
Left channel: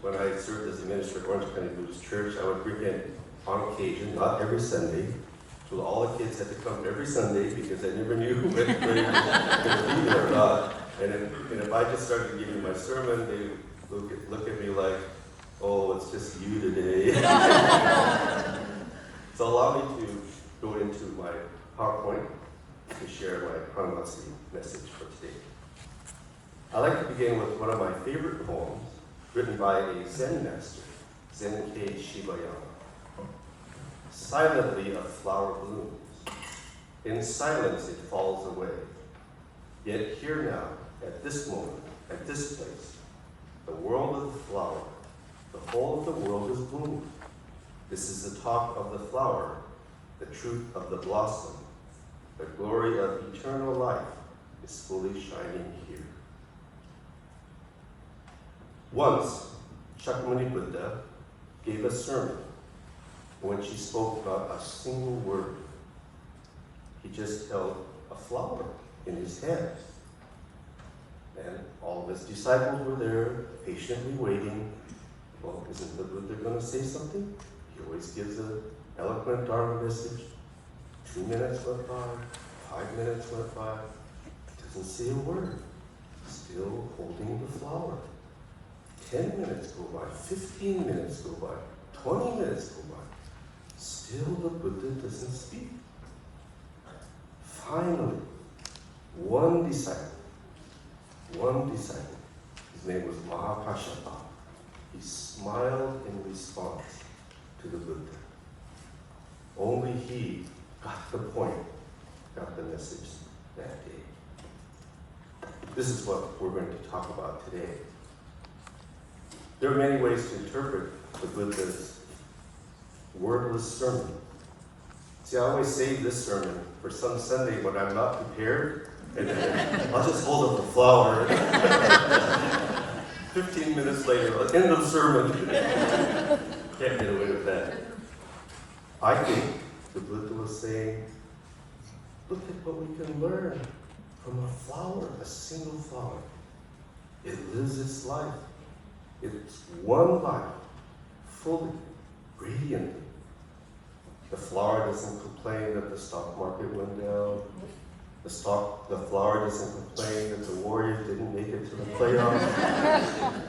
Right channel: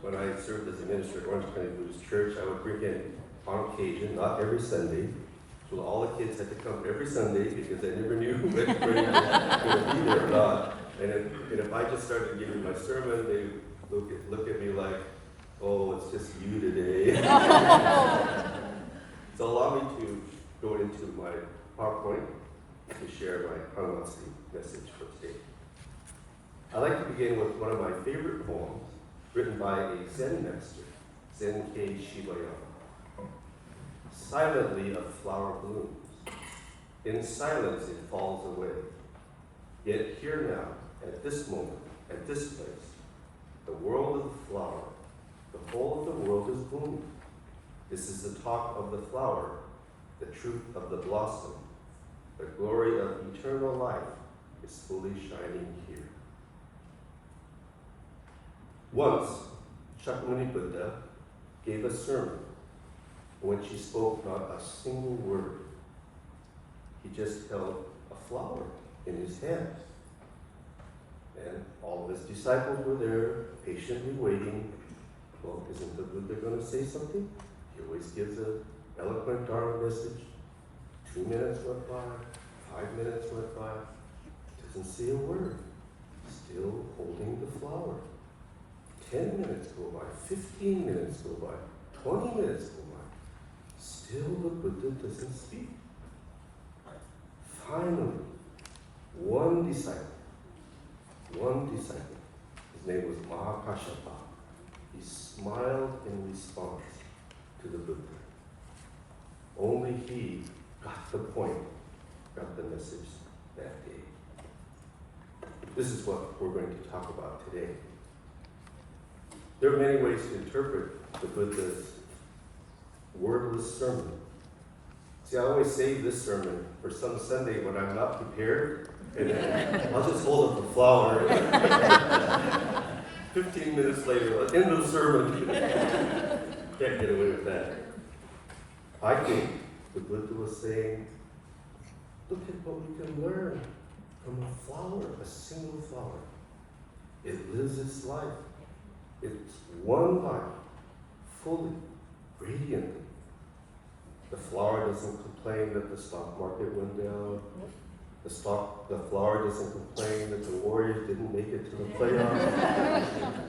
When I served as the minister at Orange County Buddhist Church, I would bring him on occasion, not every Sunday. So all the kids had to come every Sunday because I never knew whether they were going to be there or not. And if I just started giving my sermon, they look at me like, oh, it's just you today. So allow me to go into my PowerPoint to share my Hanamatsuri message for today. I'd like to begin with one of my favorite poems written by a Zen master, Zen-kei Shibayama. Silently a flower blooms. In silence it falls away. Yet here now, at this moment, at this place, the world of the flower, the whole of the world is blooming. This is the talk of the flower, the truth of the blossom. The glory of eternal life is fully shining here. Once, Shakyamuni Buddha gave a sermon when she spoke not a single word. He just held a flower in his hand. And all of his disciples were there, patiently waiting. Well, isn't the Buddha going to say something? He always gives an eloquent Dharma message. 2 minutes went by, 5 minutes went by. Doesn't say a word. Still holding the flower. 10 minutes go by, 15 minutes go by, 20 minutes go by. Still the Buddha doesn't speak. Finally, one disciple, his name was Mahakashapa, he smiled in response to the Buddha. Only he got the point, got the message that day. This is what we're going to talk about today. There are many ways to interpret the Buddha's wordless sermon. See, I always save this sermon for some Sunday when I'm not prepared, and I'll just hold up the flower. 15 minutes later, end of sermon. Can't get away with that. I think the Buddha was saying, look at what we can learn from a flower, a single flower. It lives its life. It's one life, fully, radiantly. The flower doesn't complain that the stock market went down. The flower doesn't complain that the Warriors didn't make it to the playoffs.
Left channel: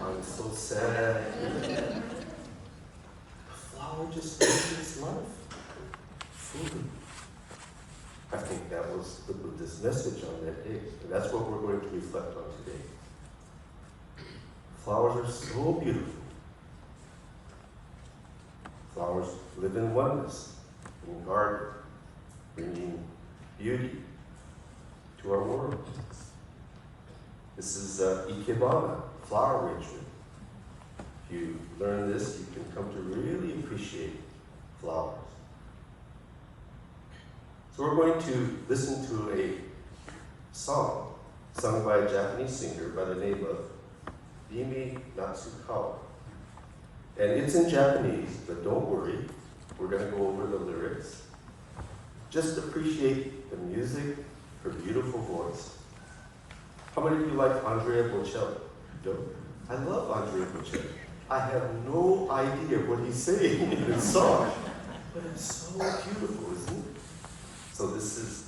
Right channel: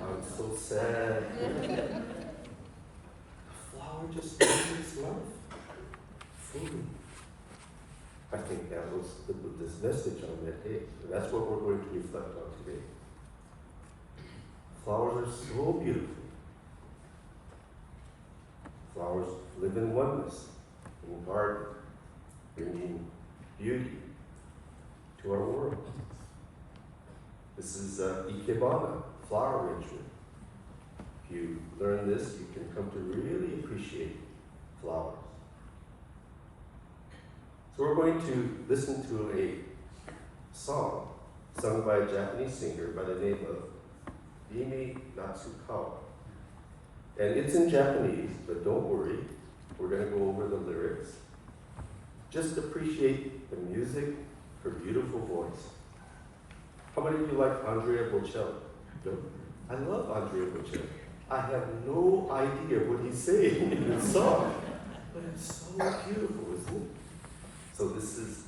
I'm so sad. The flower just lives its life, fully. I think that was the Buddha's message on that day, and that's what we're going to reflect on today. Flowers are so beautiful. Flowers live in oneness, in garden, bringing beauty to our world. This is Ikebana, flower arrangement. If you learn this, you can come to really appreciate flowers. So we're going to listen to a song sung by a Japanese singer by the name of Izumi Natsukawa. And it's in Japanese, but don't worry, we're going to go over the lyrics. Just appreciate the music, her beautiful voice. How many of you like Andrea Bocelli? No? I love Andrea Bocelli. I have no idea what he's saying in this song, but it's so beautiful, isn't it? So this is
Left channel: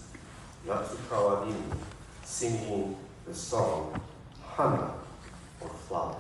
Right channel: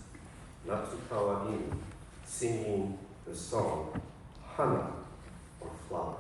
Natsukawa Izumi singing the song Hana, or flower.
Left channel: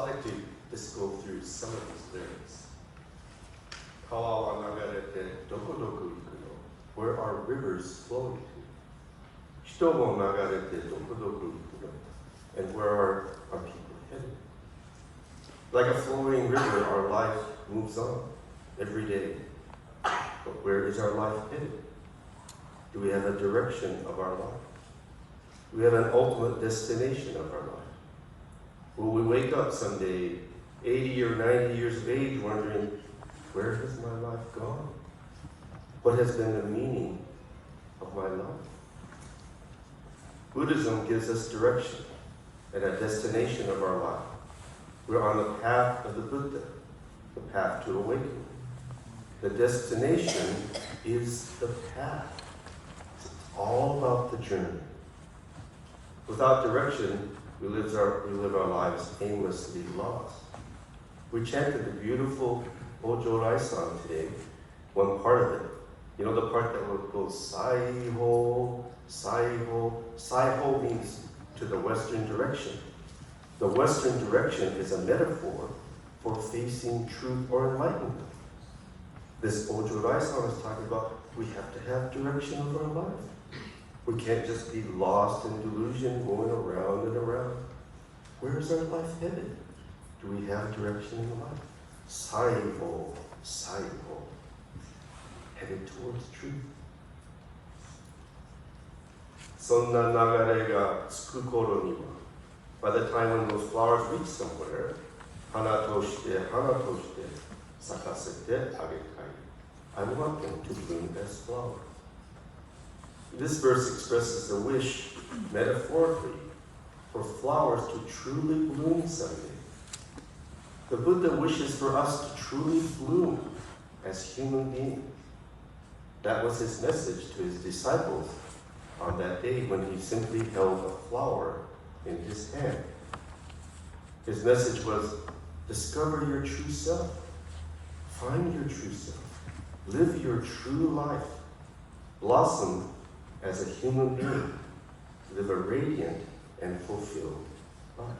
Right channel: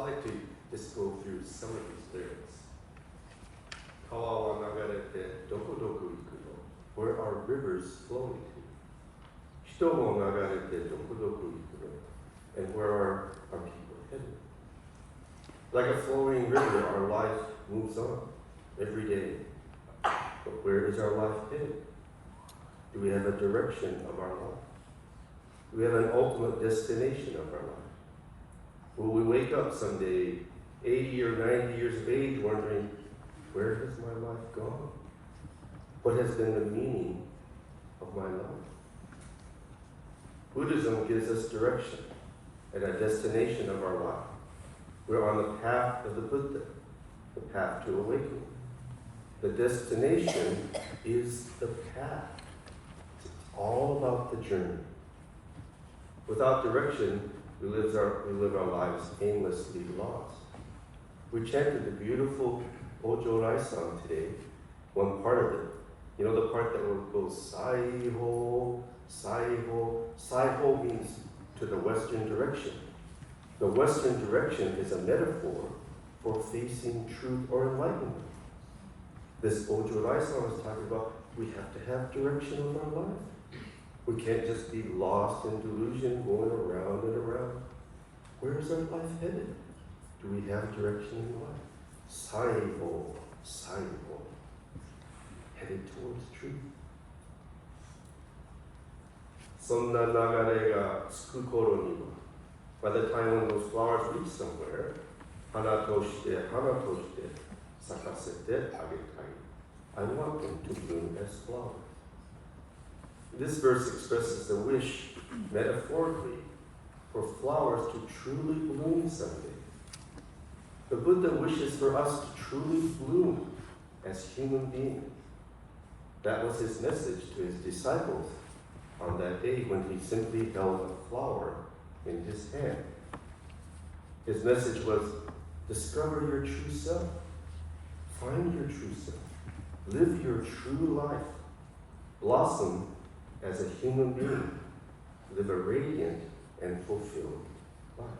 I'd like to just go through some of these lyrics. Kawa wa nagarete dokodoku iku no. Where are rivers flowing to? Hito mo nagarete dokodoku iku no. And where are our people headed? Like a flowing river, our life moves on every day. But where is our life headed? Do we have a direction of our life? Do we have an ultimate destination of our life? Will we wake up someday, 80 or 90 years of age, wondering, where has my life gone? What has been the meaning of my life? Buddhism gives us direction and a destination of our life. We're on the path of the Buddha, the path to awakening. The destination is the path. It's all about the journey. Without direction, we live our lives aimlessly lost. We chanted the beautiful Ojo song today, one part of it. You know the part that goes Sai-ho, Sai-ho. Sai-ho means to the western direction. The western direction is a metaphor for facing truth or enlightenment. This Ojo song is talking about we have to have direction of our life. We can't just be lost in delusion, going around and around. Where is our life headed? Do we have direction in life? Sai-ho, Sai-ho. Headed towards truth. Sonna nagare ga tsuku koro ni wa. By the time when those flowers reach somewhere, hana toshite, sakasete agetai. I want them to bloom as flowers. This verse expresses a wish, metaphorically, for flowers to truly bloom someday. The Buddha wishes for us to truly bloom as human beings. That was his message to his disciples on that day when he simply held a flower in his hand. His message was, discover your true self. Find your true self. Live your true life. Blossom as a human being. Live a radiant and fulfilled life.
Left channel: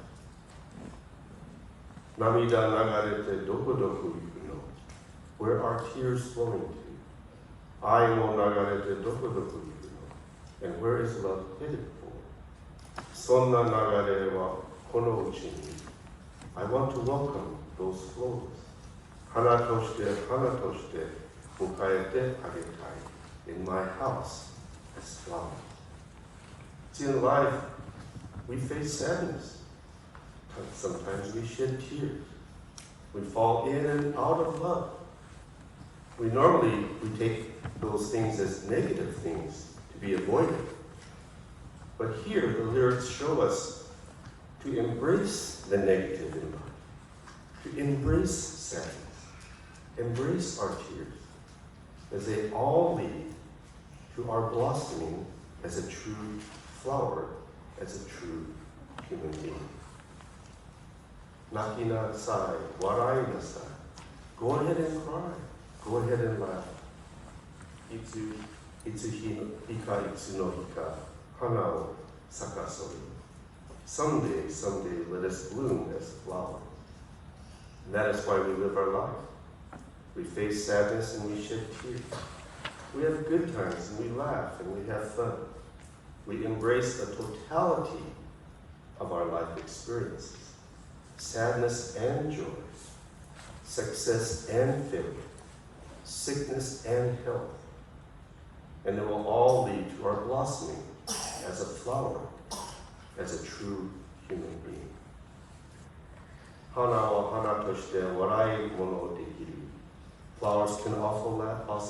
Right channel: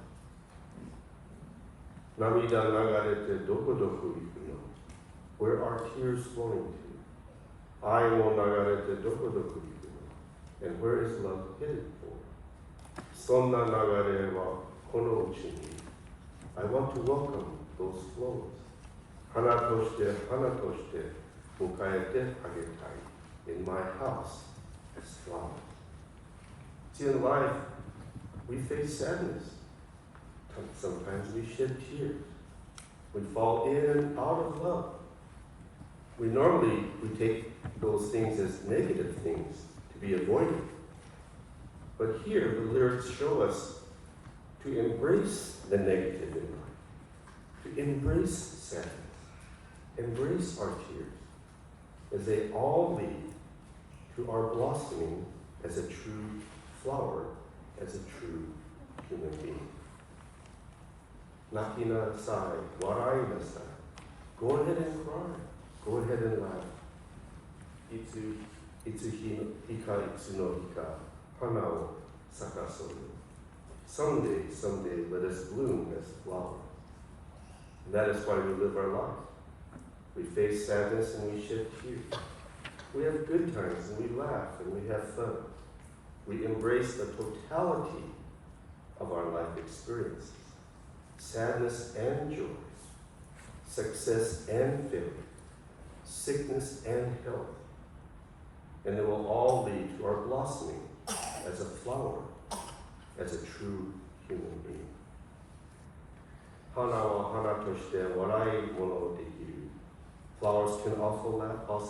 Namida nagarete dokodoku iku no. Where are tears flowing to? Ai mo nagarete dokodoku iku no. And where is love headed for? Sonna nagare wa kono uchi ni. I want to welcome those flows. Hana toshite, mukaete agetai. In my house as flowers. See, in life, we face sadness. Sometimes we shed tears. We fall in and out of love. We take those things as negative things to be avoided. But here, the lyrics show us to embrace the negative in life, to embrace sadness, embrace our tears, as they all lead to our blossoming as a true flower, as a true human being. Nakina sai, warai nasai. Go ahead and cry. Go ahead and laugh. Itsu hika itsu no hika, hana o sakasoru. Someday, let us bloom as flowers. And that is why we live our life. We face sadness and we shed tears. We have good times and we laugh and we have fun. We embrace the totality of our life experiences. Sadness and joy, success and failure, sickness and health. And it will all lead to our blossoming as a flower, as a true human being. Hana wa hana toshite warai mono dekiru. Flowers can also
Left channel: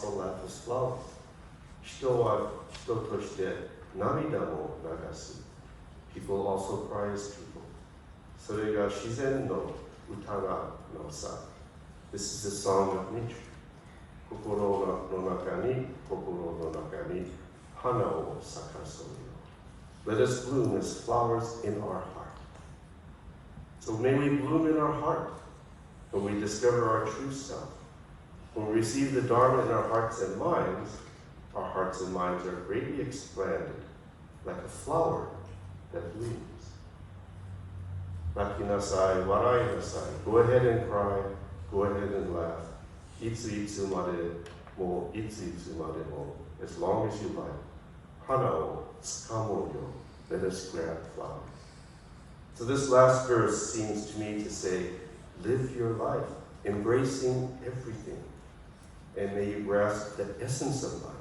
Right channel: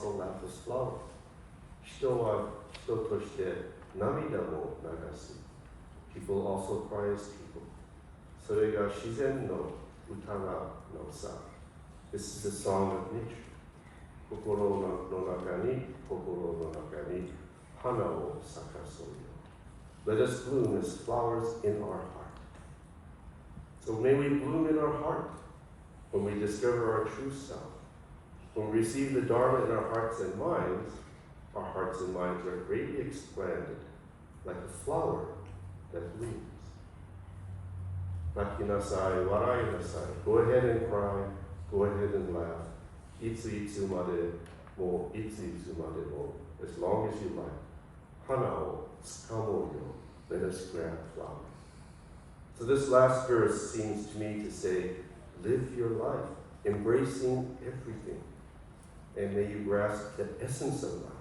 laugh as flowers. Hito wa hito toshite namida mo nagasu. People also cry as people. Sore ga shizen no utana no sa. This is the song of nature. Kokoro no naka ni hana o sakasoru. Let us bloom as flowers in our heart. So may we bloom in our heart when we discover our true self. When we receive the Dharma in our hearts and minds are greatly expanded like a flower that blooms. Nakinasai, warainasai. Go ahead and cry. Go ahead and laugh. Itsu made mo, itsu made mo. As long as you like. Hana o tsukamo yo. Let us grab flowers. So this last verse seems to me to say, live your life, embracing everything. And may you grasp the essence of life,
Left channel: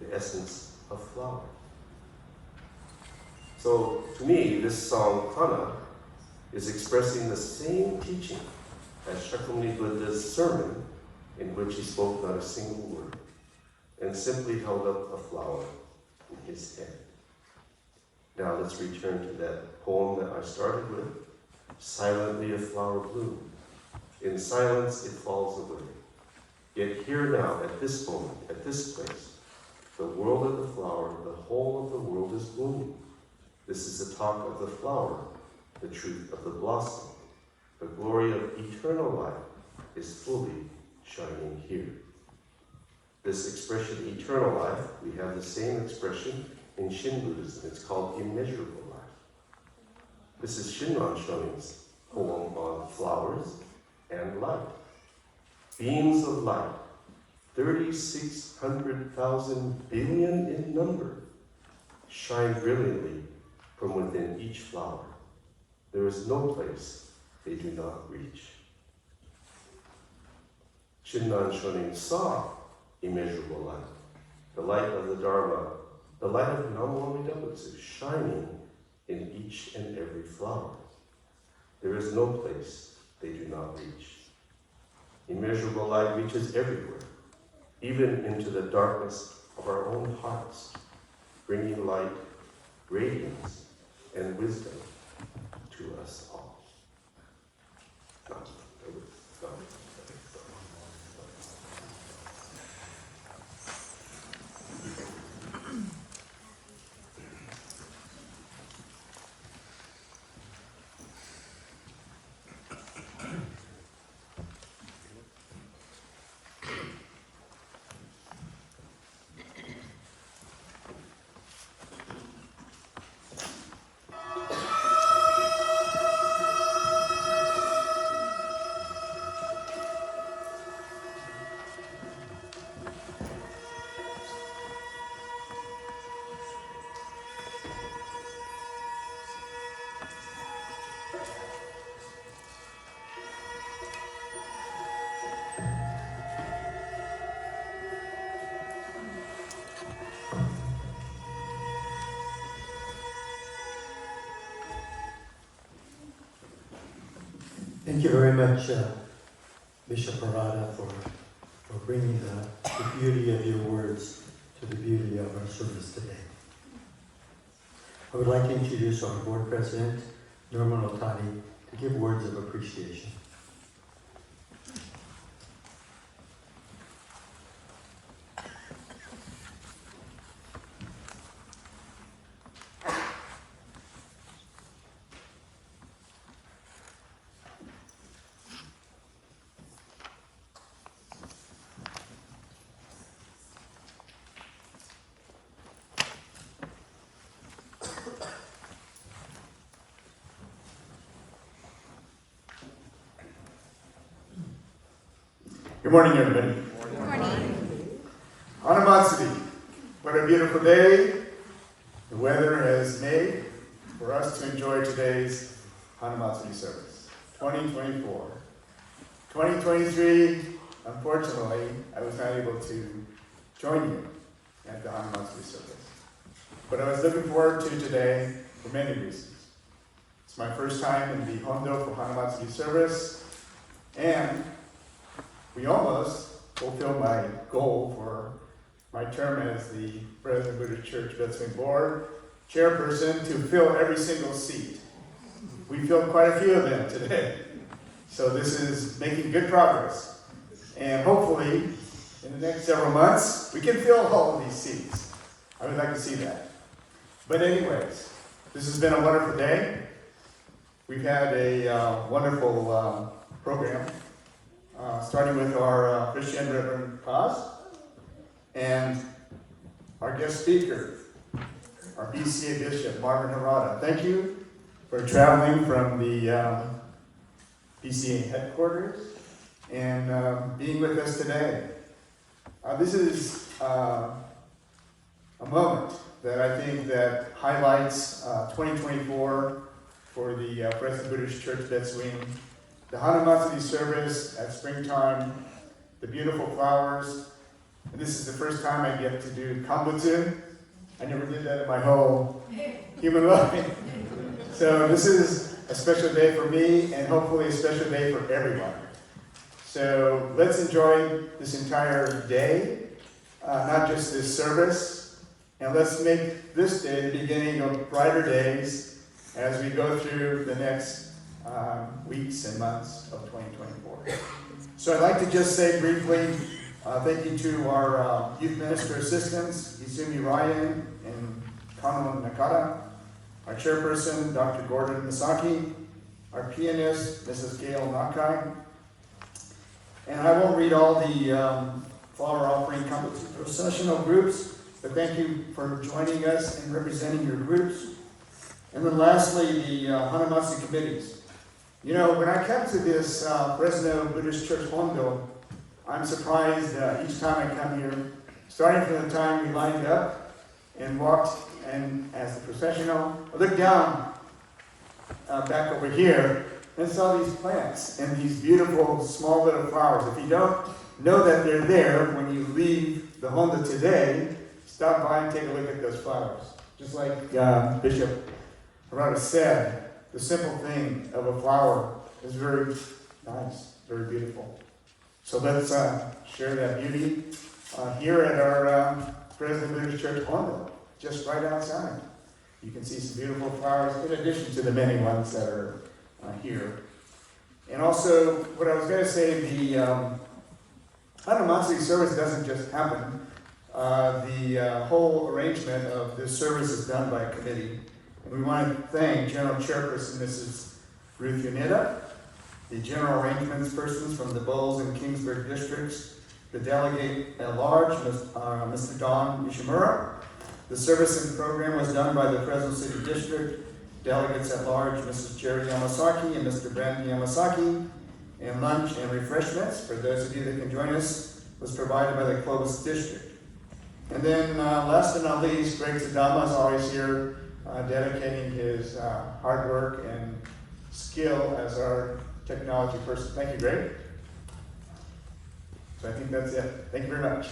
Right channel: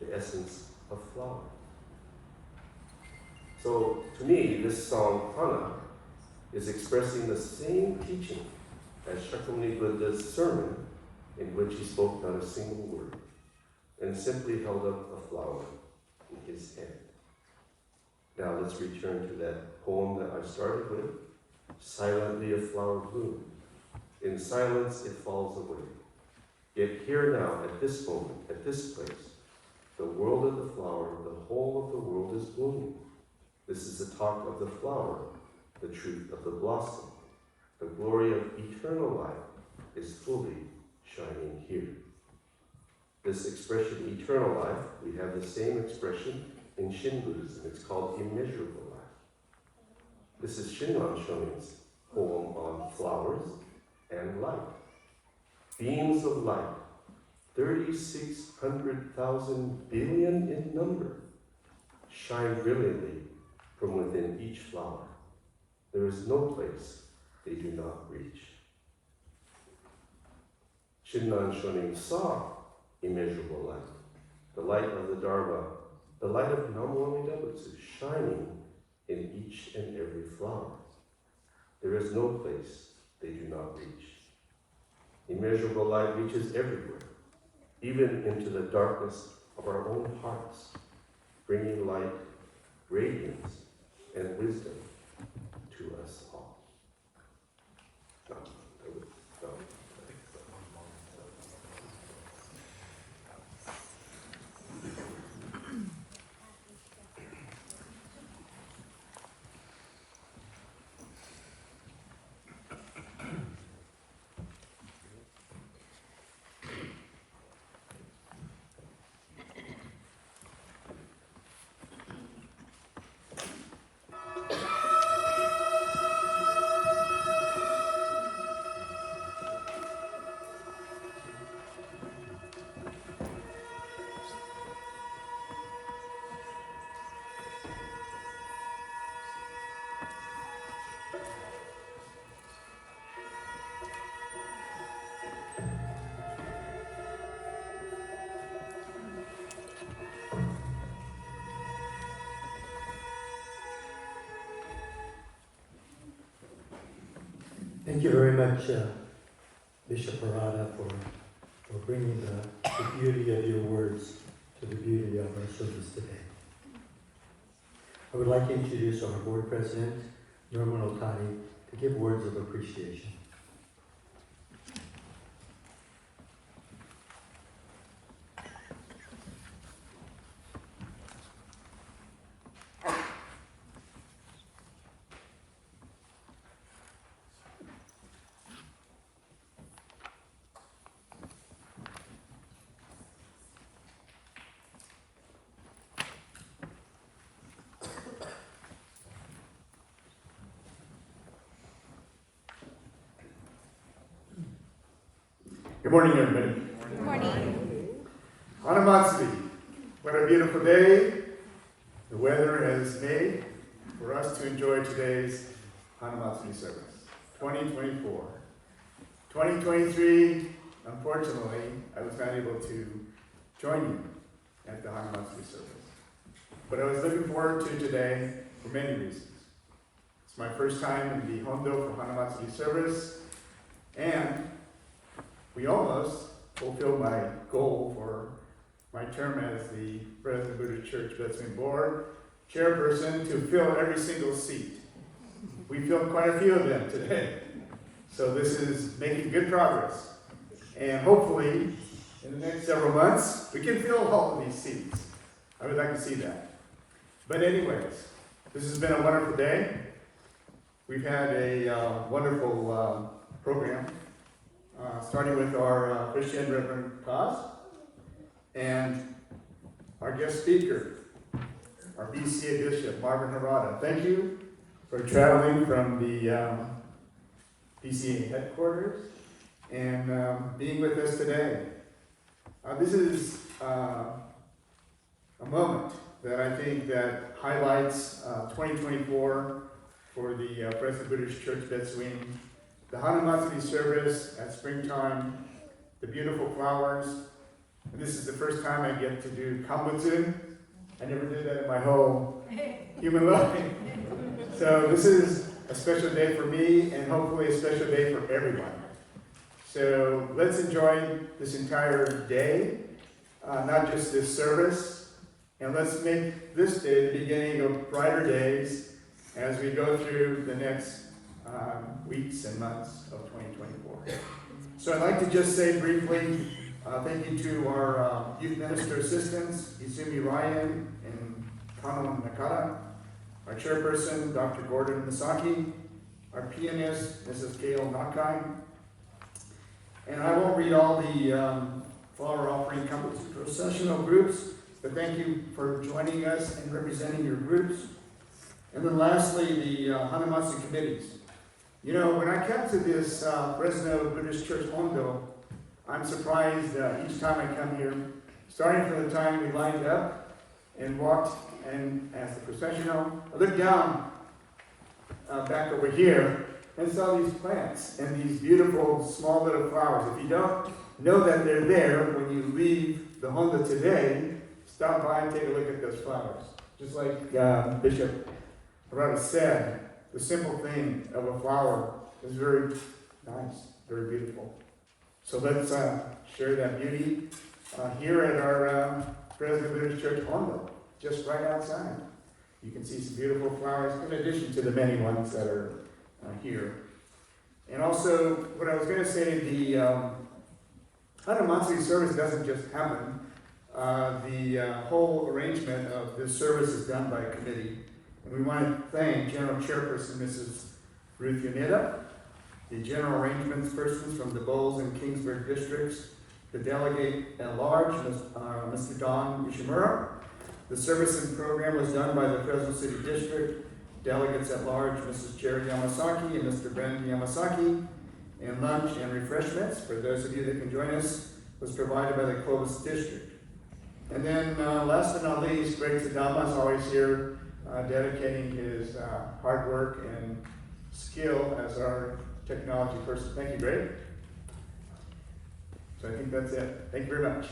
the essence of flower. So to me, this song, Kana, is expressing the same teaching as Shakyamuni Buddha's sermon, in which he spoke not a single word, and simply held up a flower in his hand. Now let's return to that poem that I started with. Silently a flower bloomed. In silence it falls away. Yet here now, at this moment, at this place, the world of the flower, the whole of the world is blooming. This is the talk of the flower, the truth of the blossom. The glory of eternal life is fully shining here. This expression, eternal life, we have the same expression in Shin Buddhism. It's called immeasurable life. This is Shinran Shonin's poem on flowers and light. Beams of light, 3,600,000 billion in number, shine brilliantly from within each flower. There is no place they do not reach. Shinran Shonin saw immeasurable light, the light of the Dharma, the light of Namo Amida Butsu, shining in each and every flower. There is no place they do not reach. Immeasurable light reaches everywhere, even into the darkness of our own hearts, bringing light, radiance, and wisdom to us all. Thank you very much, Bishop Harada, for bringing the beauty of your words to the beauty of our service today. I would like to introduce our board president, Norman Otani, to give words of appreciation. Good morning, everybody. Good morning. Hanamatsuri. What a beautiful day the weather has made for us to enjoy today's Hanamatsuri service. 2024. 2023, unfortunately, I was not able to join you at the Hanamatsuri service. But I was looking forward to today for many reasons. It's my first time in the Hondo for Hanamatsuri service, and we almost fulfilled my goal for my term as the Fresno Buddhist Church Veteran Board chairperson to fill every single seat. We filled quite a few of them today. So this is making good progress. And hopefully, in the next several months, we can fill all of these seats. I would like to see that. But anyways, this has been a wonderful day. We've had a wonderful program. Starting with our Officiant Reverend Kaz and our guest speaker, our BCA Bishop, Marvin Harada. Thank you for traveling from the BCA headquarters and being with us today. This is a moment that I think that highlights 2024 for the Fresno Buddhist Church Betsuin. The Hanamatsuri service at springtime, the beautiful flowers, and this is the first time I get to do Kambutsu. I never did that in my whole human life. So this is a special day for me and hopefully a special day for everyone. So let's enjoy this entire day, not just this service, and let's make this day the beginning of brighter days as we go through the next weeks and months of 2024. So I'd like to just say briefly, thank you to our youth minister assistants, Izumi Ryan and Kanon Nakata, our chairperson, Dr. Gordon Misaki, our pianist, Mrs. Gale Nakai. And I won't read all the flower offering processional groups, but thank you for joining us and representing your groups. And then lastly, the Hanamatsuri committees. You know, when I come to this Fresno Buddhist Church Hondo, I'm surprised each time I come here, starting from the time we lined up and walked and as the processional, I looked down back over here and saw these plants and these beautiful small little flowers. If you don't know that they're there when you leave the Hondo today, stop by and take a look at those flowers. Just like Bishop Harada said, the simple thing of a flower is very nice, very beautiful. So let's share that beauty here at our Fresno Buddhist Church Hondo, just right outside. You can see some beautiful flowers in addition to the many ones that are here. And also, what I was going to say, the Hanamatsuri service doesn't just happen. The whole arrangement of this service is done by a committee. And we want to thank General Chairperson Mrs. Ruth Yunita, the General Arrangements persons from the Bowles and Kingsburg districts, the Delegate at Large, Mr. Don Yoshimura. The service and program was done by the Fresno City District, Delegates at Large, Mrs. Jerry Yamasaki and Mr. Brandon Yamasaki, and lunch and refreshments, for those of you that can join us, was provided by the Clovis District. And then last but not least, Greg Sadama is always here, dedicating his hard work and skill as our technology person. Thank you, Greg. So I think that's it. Thank you very much.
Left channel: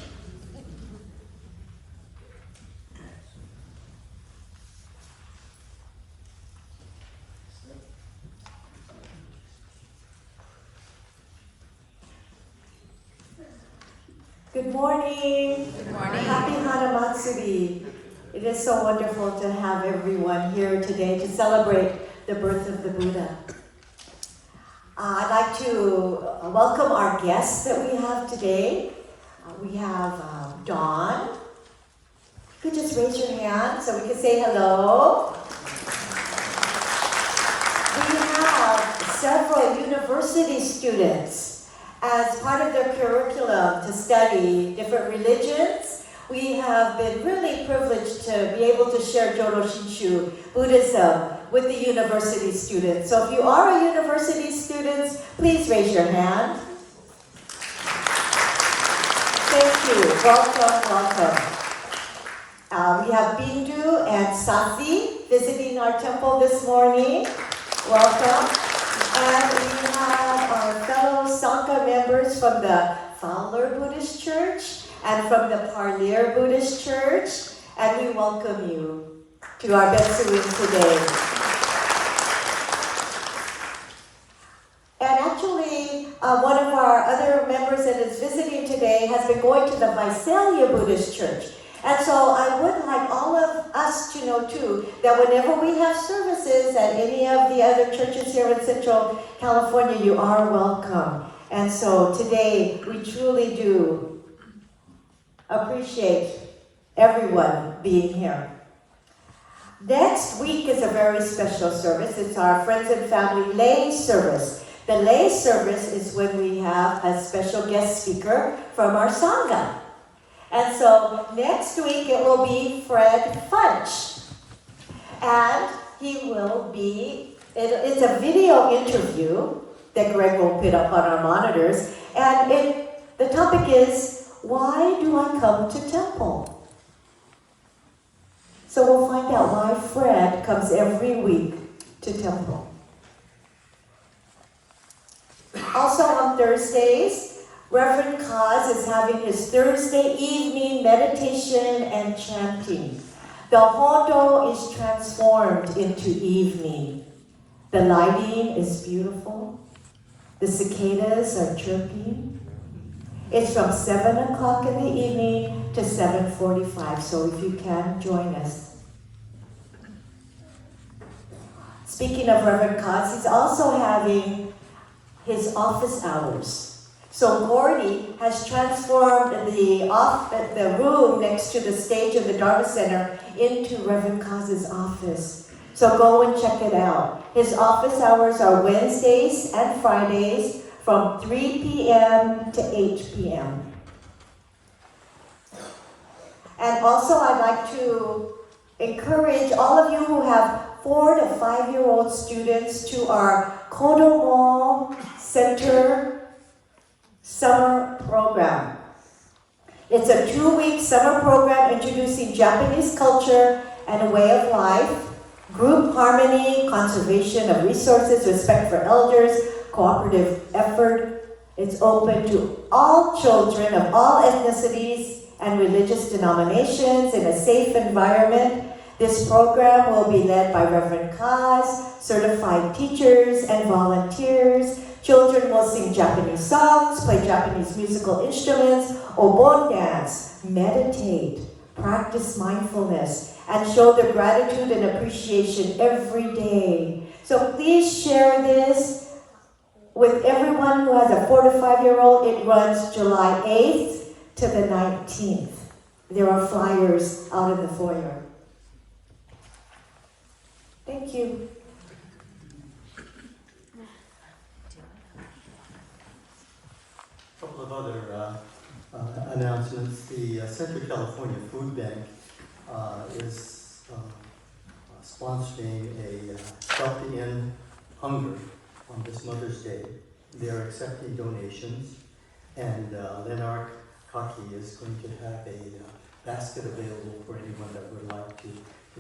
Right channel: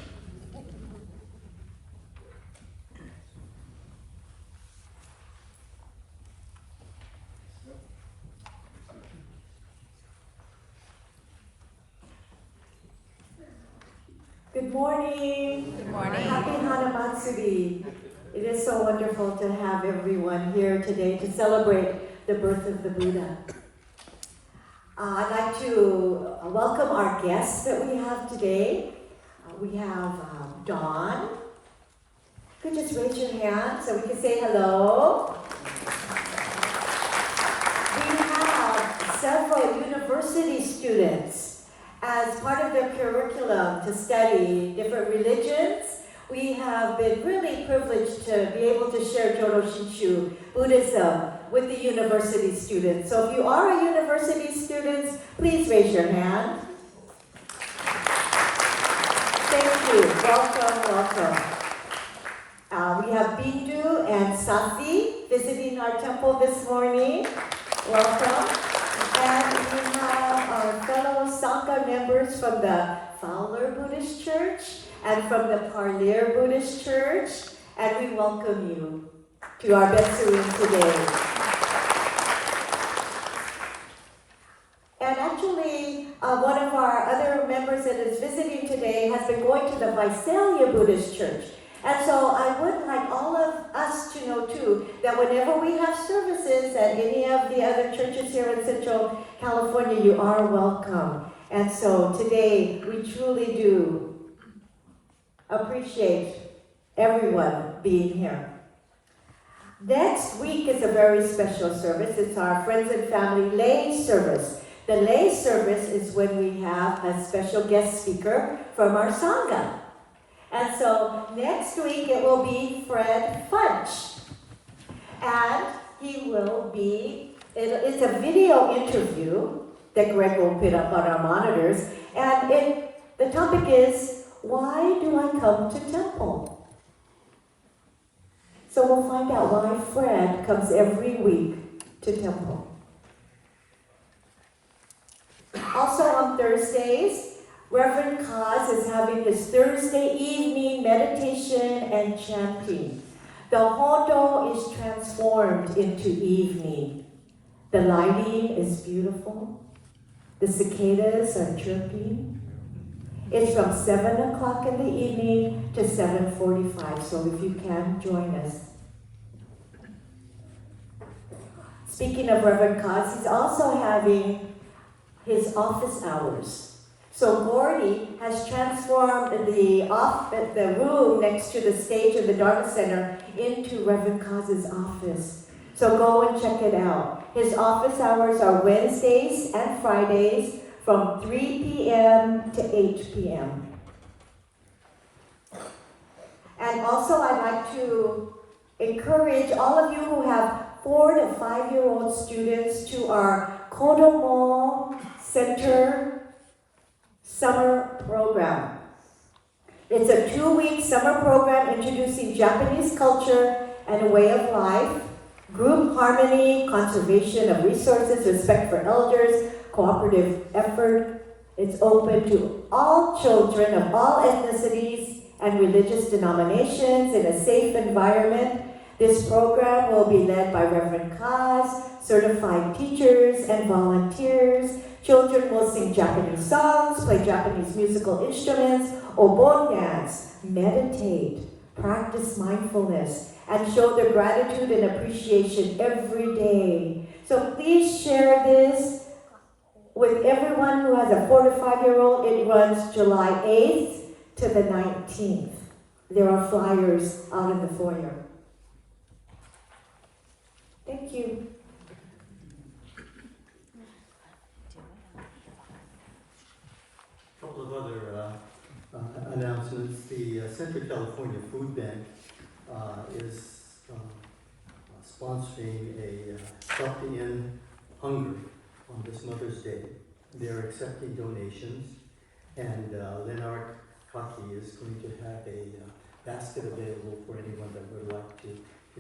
Good morning. Good morning. Happy Hanamatsuri. It is so wonderful to have everyone here today to celebrate the birth of the Buddha. I'd like to welcome our guests that we have today. We have Dawn. You could just raise your hand so we can say hello. We have several university students as part of their curriculum to study different religions. We have been really privileged to be able to share Jodo Shinshu Buddhism with the university students. So if you are a university student, please raise your hand. Thank you. Welcome. We have Bindu and Sasi visiting our temple this morning. Welcome. And we have our fellow Sangha members from the Fowler Buddhist Church and from the Parlier Buddhist Church, and we welcome you to our Betsuin today. And actually, one of our other members that is visiting today has been going to the Visalia Buddhist Church. And so I would like all of us to know too, that whenever we have services at any of the other churches here in Central California, you are welcome. And so today, we truly do appreciate everyone being here. Next week is a very special service. It's our Friends and Family Lay Service. The lay service is when we have a special guest speaker from our Sangha. And so next week it will be Fred Funch. And he will be, it's a video interview that Greg will put up on our monitors. And the topic is, why do I come to temple? So we'll find out why Fred comes every week to temple. Also on Thursdays, Reverend Kaz is having his Thursday evening meditation and chanting. The Hodo is transformed into evening. The lighting is beautiful. The cicadas are chirping. It's from 7 o'clock in the evening to 7:45, so if you can, join us. Speaking of Reverend Kaz, he's also having his office hours. So Gordy has transformed the room next to the stage in the Dharma Center into Reverend Kaz's office. So go and check it out. His office hours are Wednesdays and Fridays from 3 p.m. to 8 p.m. And also I'd like to encourage all of you who have 4 to 5-year-old students to our Kodomo Center summer program. It's a 2-week summer program introducing Japanese culture and a way of life, group harmony, conservation of resources, respect for elders, cooperative effort. It's open to all children of all ethnicities and religious denominations in a safe environment. This program will be led by Reverend Kaz, certified teachers and volunteers. Children will sing Japanese songs, play Japanese musical instruments, obon dance, meditate, practice mindfulness, and show their gratitude and appreciation every day. So please share this with everyone who has a 4 to 5-year-old. It runs July 8th to the 19th. There are flyers out in the foyer. Thank you. A couple of other announcements. The Central California Food Bank is sponsoring a Stop the End Hunger on this Mother's Day. They're accepting donations, and Leonard Kaki is going to have a basket available for anyone that would like to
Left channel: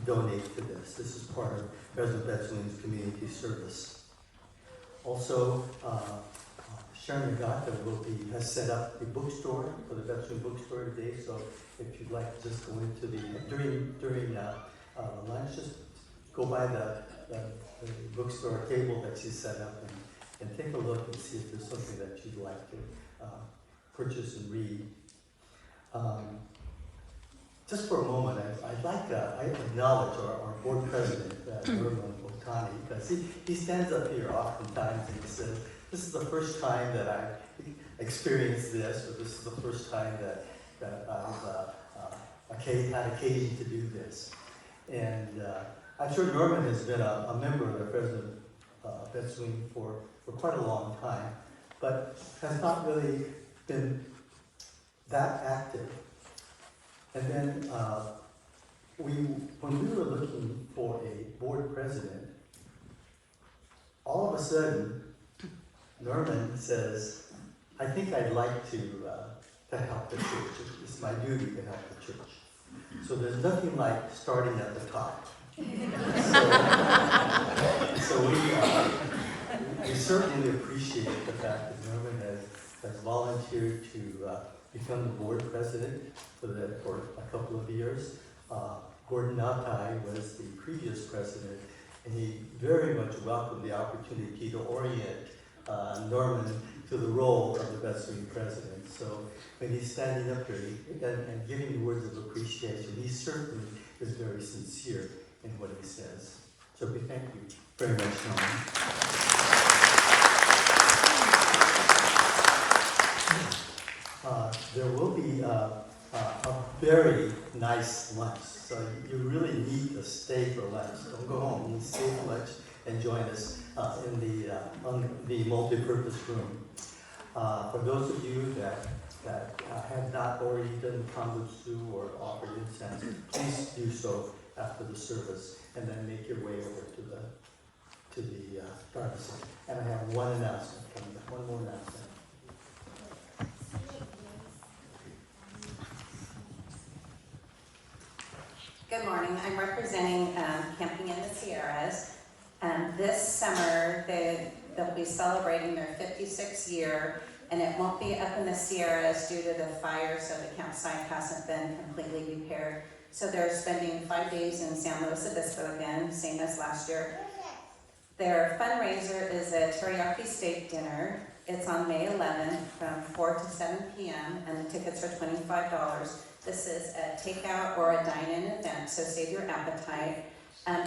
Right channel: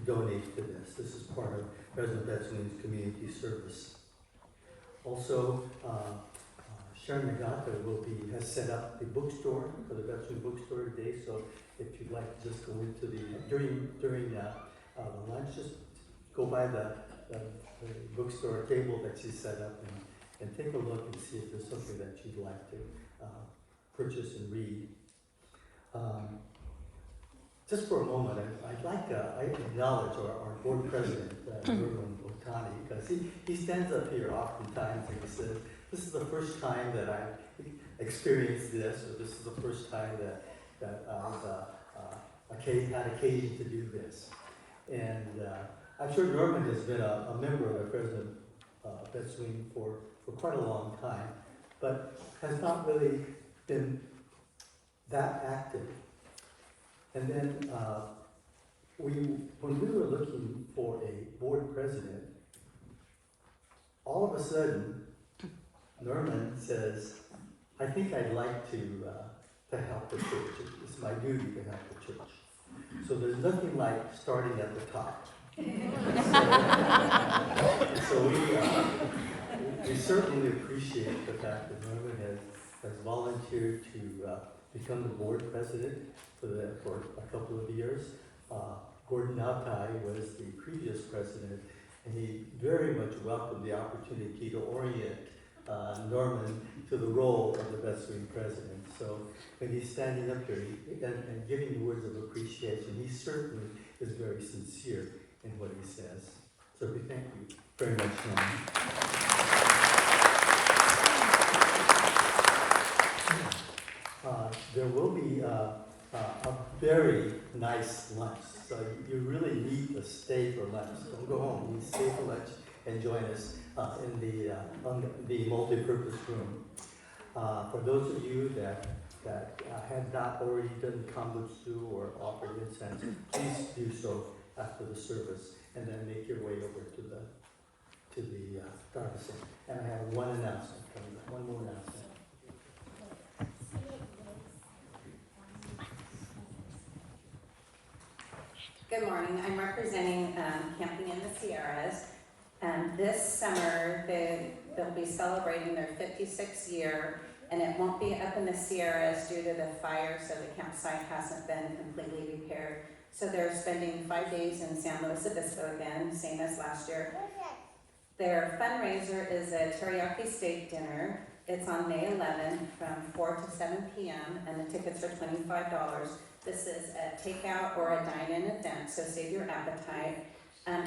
donate to this. This is part of President Bettswing's community service. Also, Sharon Nakata has set up the bookstore for the Bettswing bookstore today. So if you'd like to just go into during the lunch, just go by the bookstore table that she set up and take a look and see if there's something that you'd like to purchase and read. Just for a moment, I acknowledge our board president, Norman Otani, because he stands up here oftentimes and he says, this is the first time that I've experienced this, or this is the first time that I've had occasion to do this. And I'm sure Norman has been a member of the Fresno Bettswing for quite a long time, but has not really been that active. And then when we were looking for a board president, all of a sudden, Norman says, I think I'd like to help the church. It's my duty to help the church. So there's nothing like starting at the top. So we certainly appreciate the fact that Norman has volunteered to become the board president for a couple of years. Gordon Nakai was the previous president, and he very much welcomed the opportunity to orient Norman to the role of the Bettswing president. So when he's standing up here and giving words of appreciation, he certainly is very sincere in what he says. So we thank you very much, Norman. There will be a very nice lunch, so you really need to stay for lunch. Don't go home. You stay for lunch and join us in the multi-purpose room. For those of you that have not already done kambutsu or offered incense, please do so after the service. and then make your way over to the pharmacy. And I have one announcement coming up, one more announcement. Good morning. I'm representing Camping in the Sierras. This summer, they'll be celebrating their 56th year, and it won't be up in the Sierras due to the fire, so the campsite hasn't been completely repaired. So they're spending 5 days in San Luis Obispo again, same as last year. Their fundraiser is a teriyaki steak dinner. It's on May 11th from 4 to 7 p.m. and the tickets are $25. This is a takeout or a dine-in event, so save your appetite.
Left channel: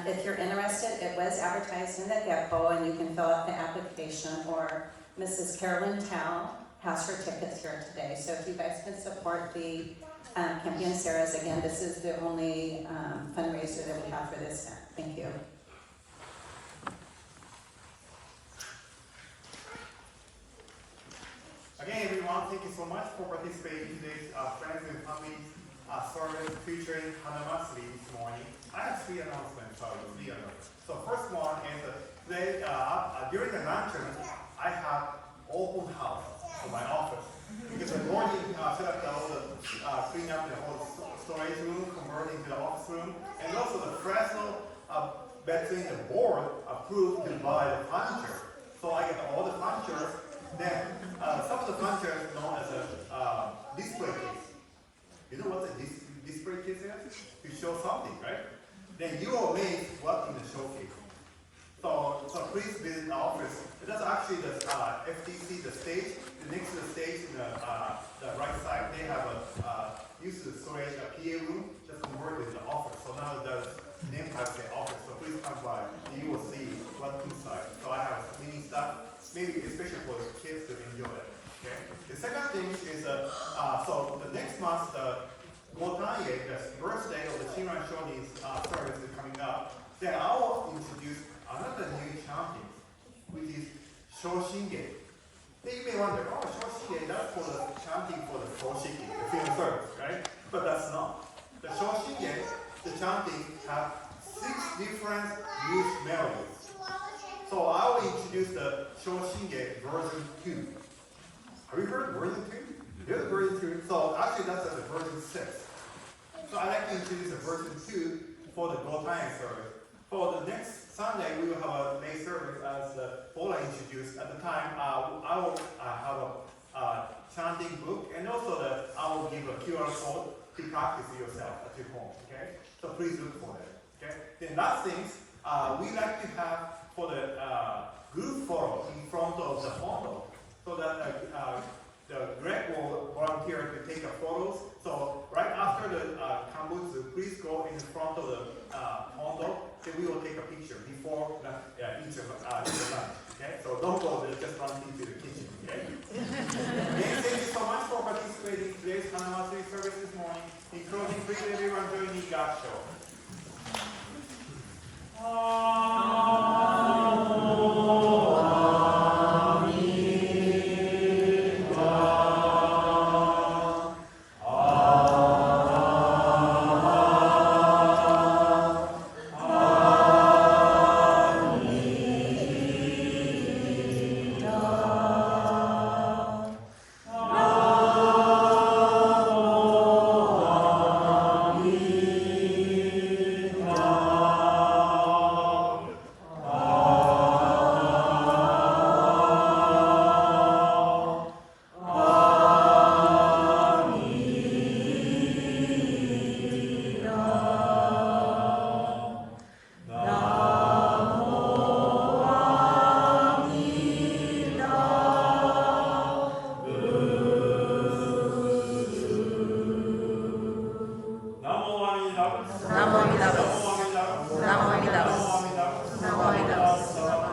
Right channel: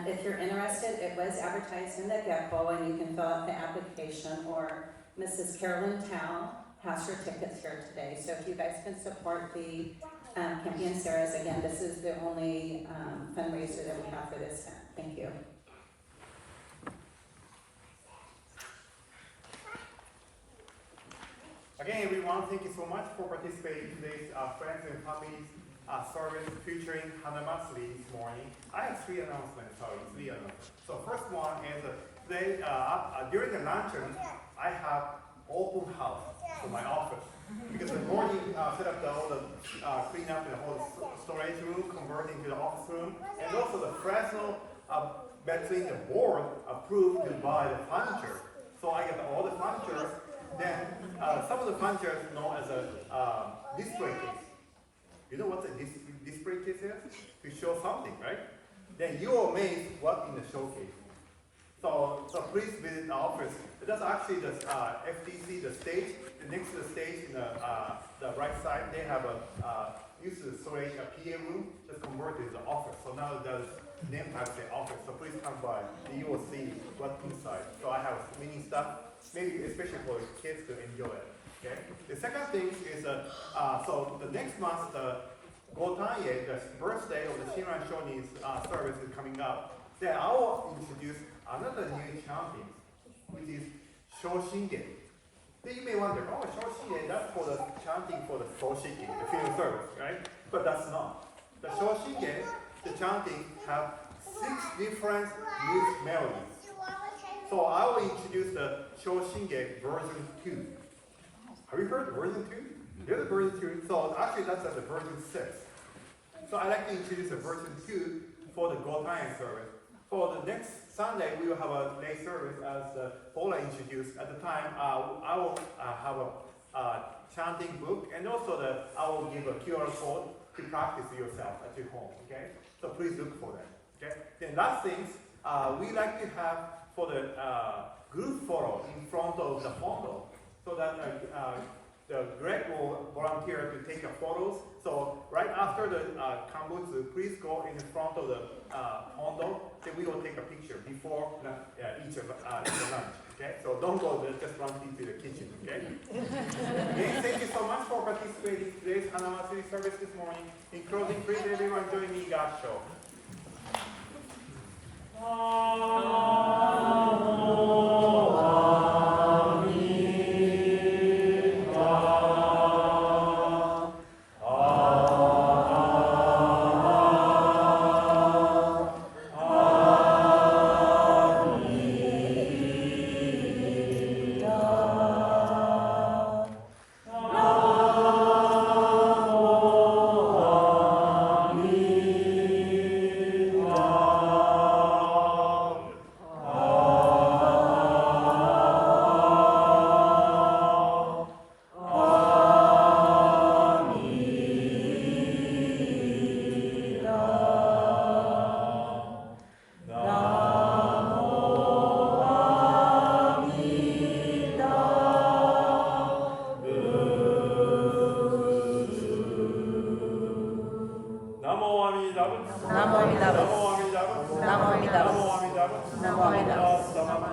If you're interested, it was advertised in the Gecko, and you can fill out the application, or Mrs. Carolyn Tao has her tickets here today. So if you guys can support the Camping in Sierras, again, this is the only fundraiser that we have for this event. Thank you. Again, everyone, thank you so much for participating in today's Friends and Family service featuring Hanamatsuri this morning. I have three announcements. So first one is today, during the luncheon, I have open house for my office. Because I've already set up all the clean up the whole storage room, converting to the office room, and also the Fresno between the board approved to buy the furniture. So I got all the furniture. Then some of the furniture is known as a display case. You know what the display case is? To show something, right? Then you are amazed what in the showcase. So please visit the office. That's actually the FTC, the stage. Next to the stage in the right side, they have a used to storage a PA room just converted to the office. So now there's name tag the office. So please come by. You will see what's inside. So I have many stuff. Maybe especially for kids to enjoy it. Okay. The second thing is so the next month the Gotaye, the birthday of the Shinran Shoni's service is coming up. Then I will introduce another new chanting, which is Shoshinge. Then you may wonder, oh, Shoshinge, that's for the chanting for the Koshiki, the film service, right? But that's not. The Shoshinge, the chanting have 6 different youth melodies. So I will introduce the Shoshinge version 2. Have you heard the version 2? There's a version 2. So actually that's at the version 6. So I'd like to introduce the version 2 for the Gotayan service. For the next Sunday, we will have a lay service as Paula introduced. At the time, I will have a chanting book, and also I will give a QR code to practice yourself at your home. Okay? So please look for that. Okay? Then last things, we like to have for the group photo in front of the photo, so that the Greg will volunteer to take the photos. So right after the Kambutsu, please go in front of the photo, then we will take a picture before each of the lunch. Okay, so don't go there, just run into the kitchen. Okay. Again, thank you so much for participating in today's Hanamatsuri service this morning. In closing, please everyone join me God show. Namo Buddhist.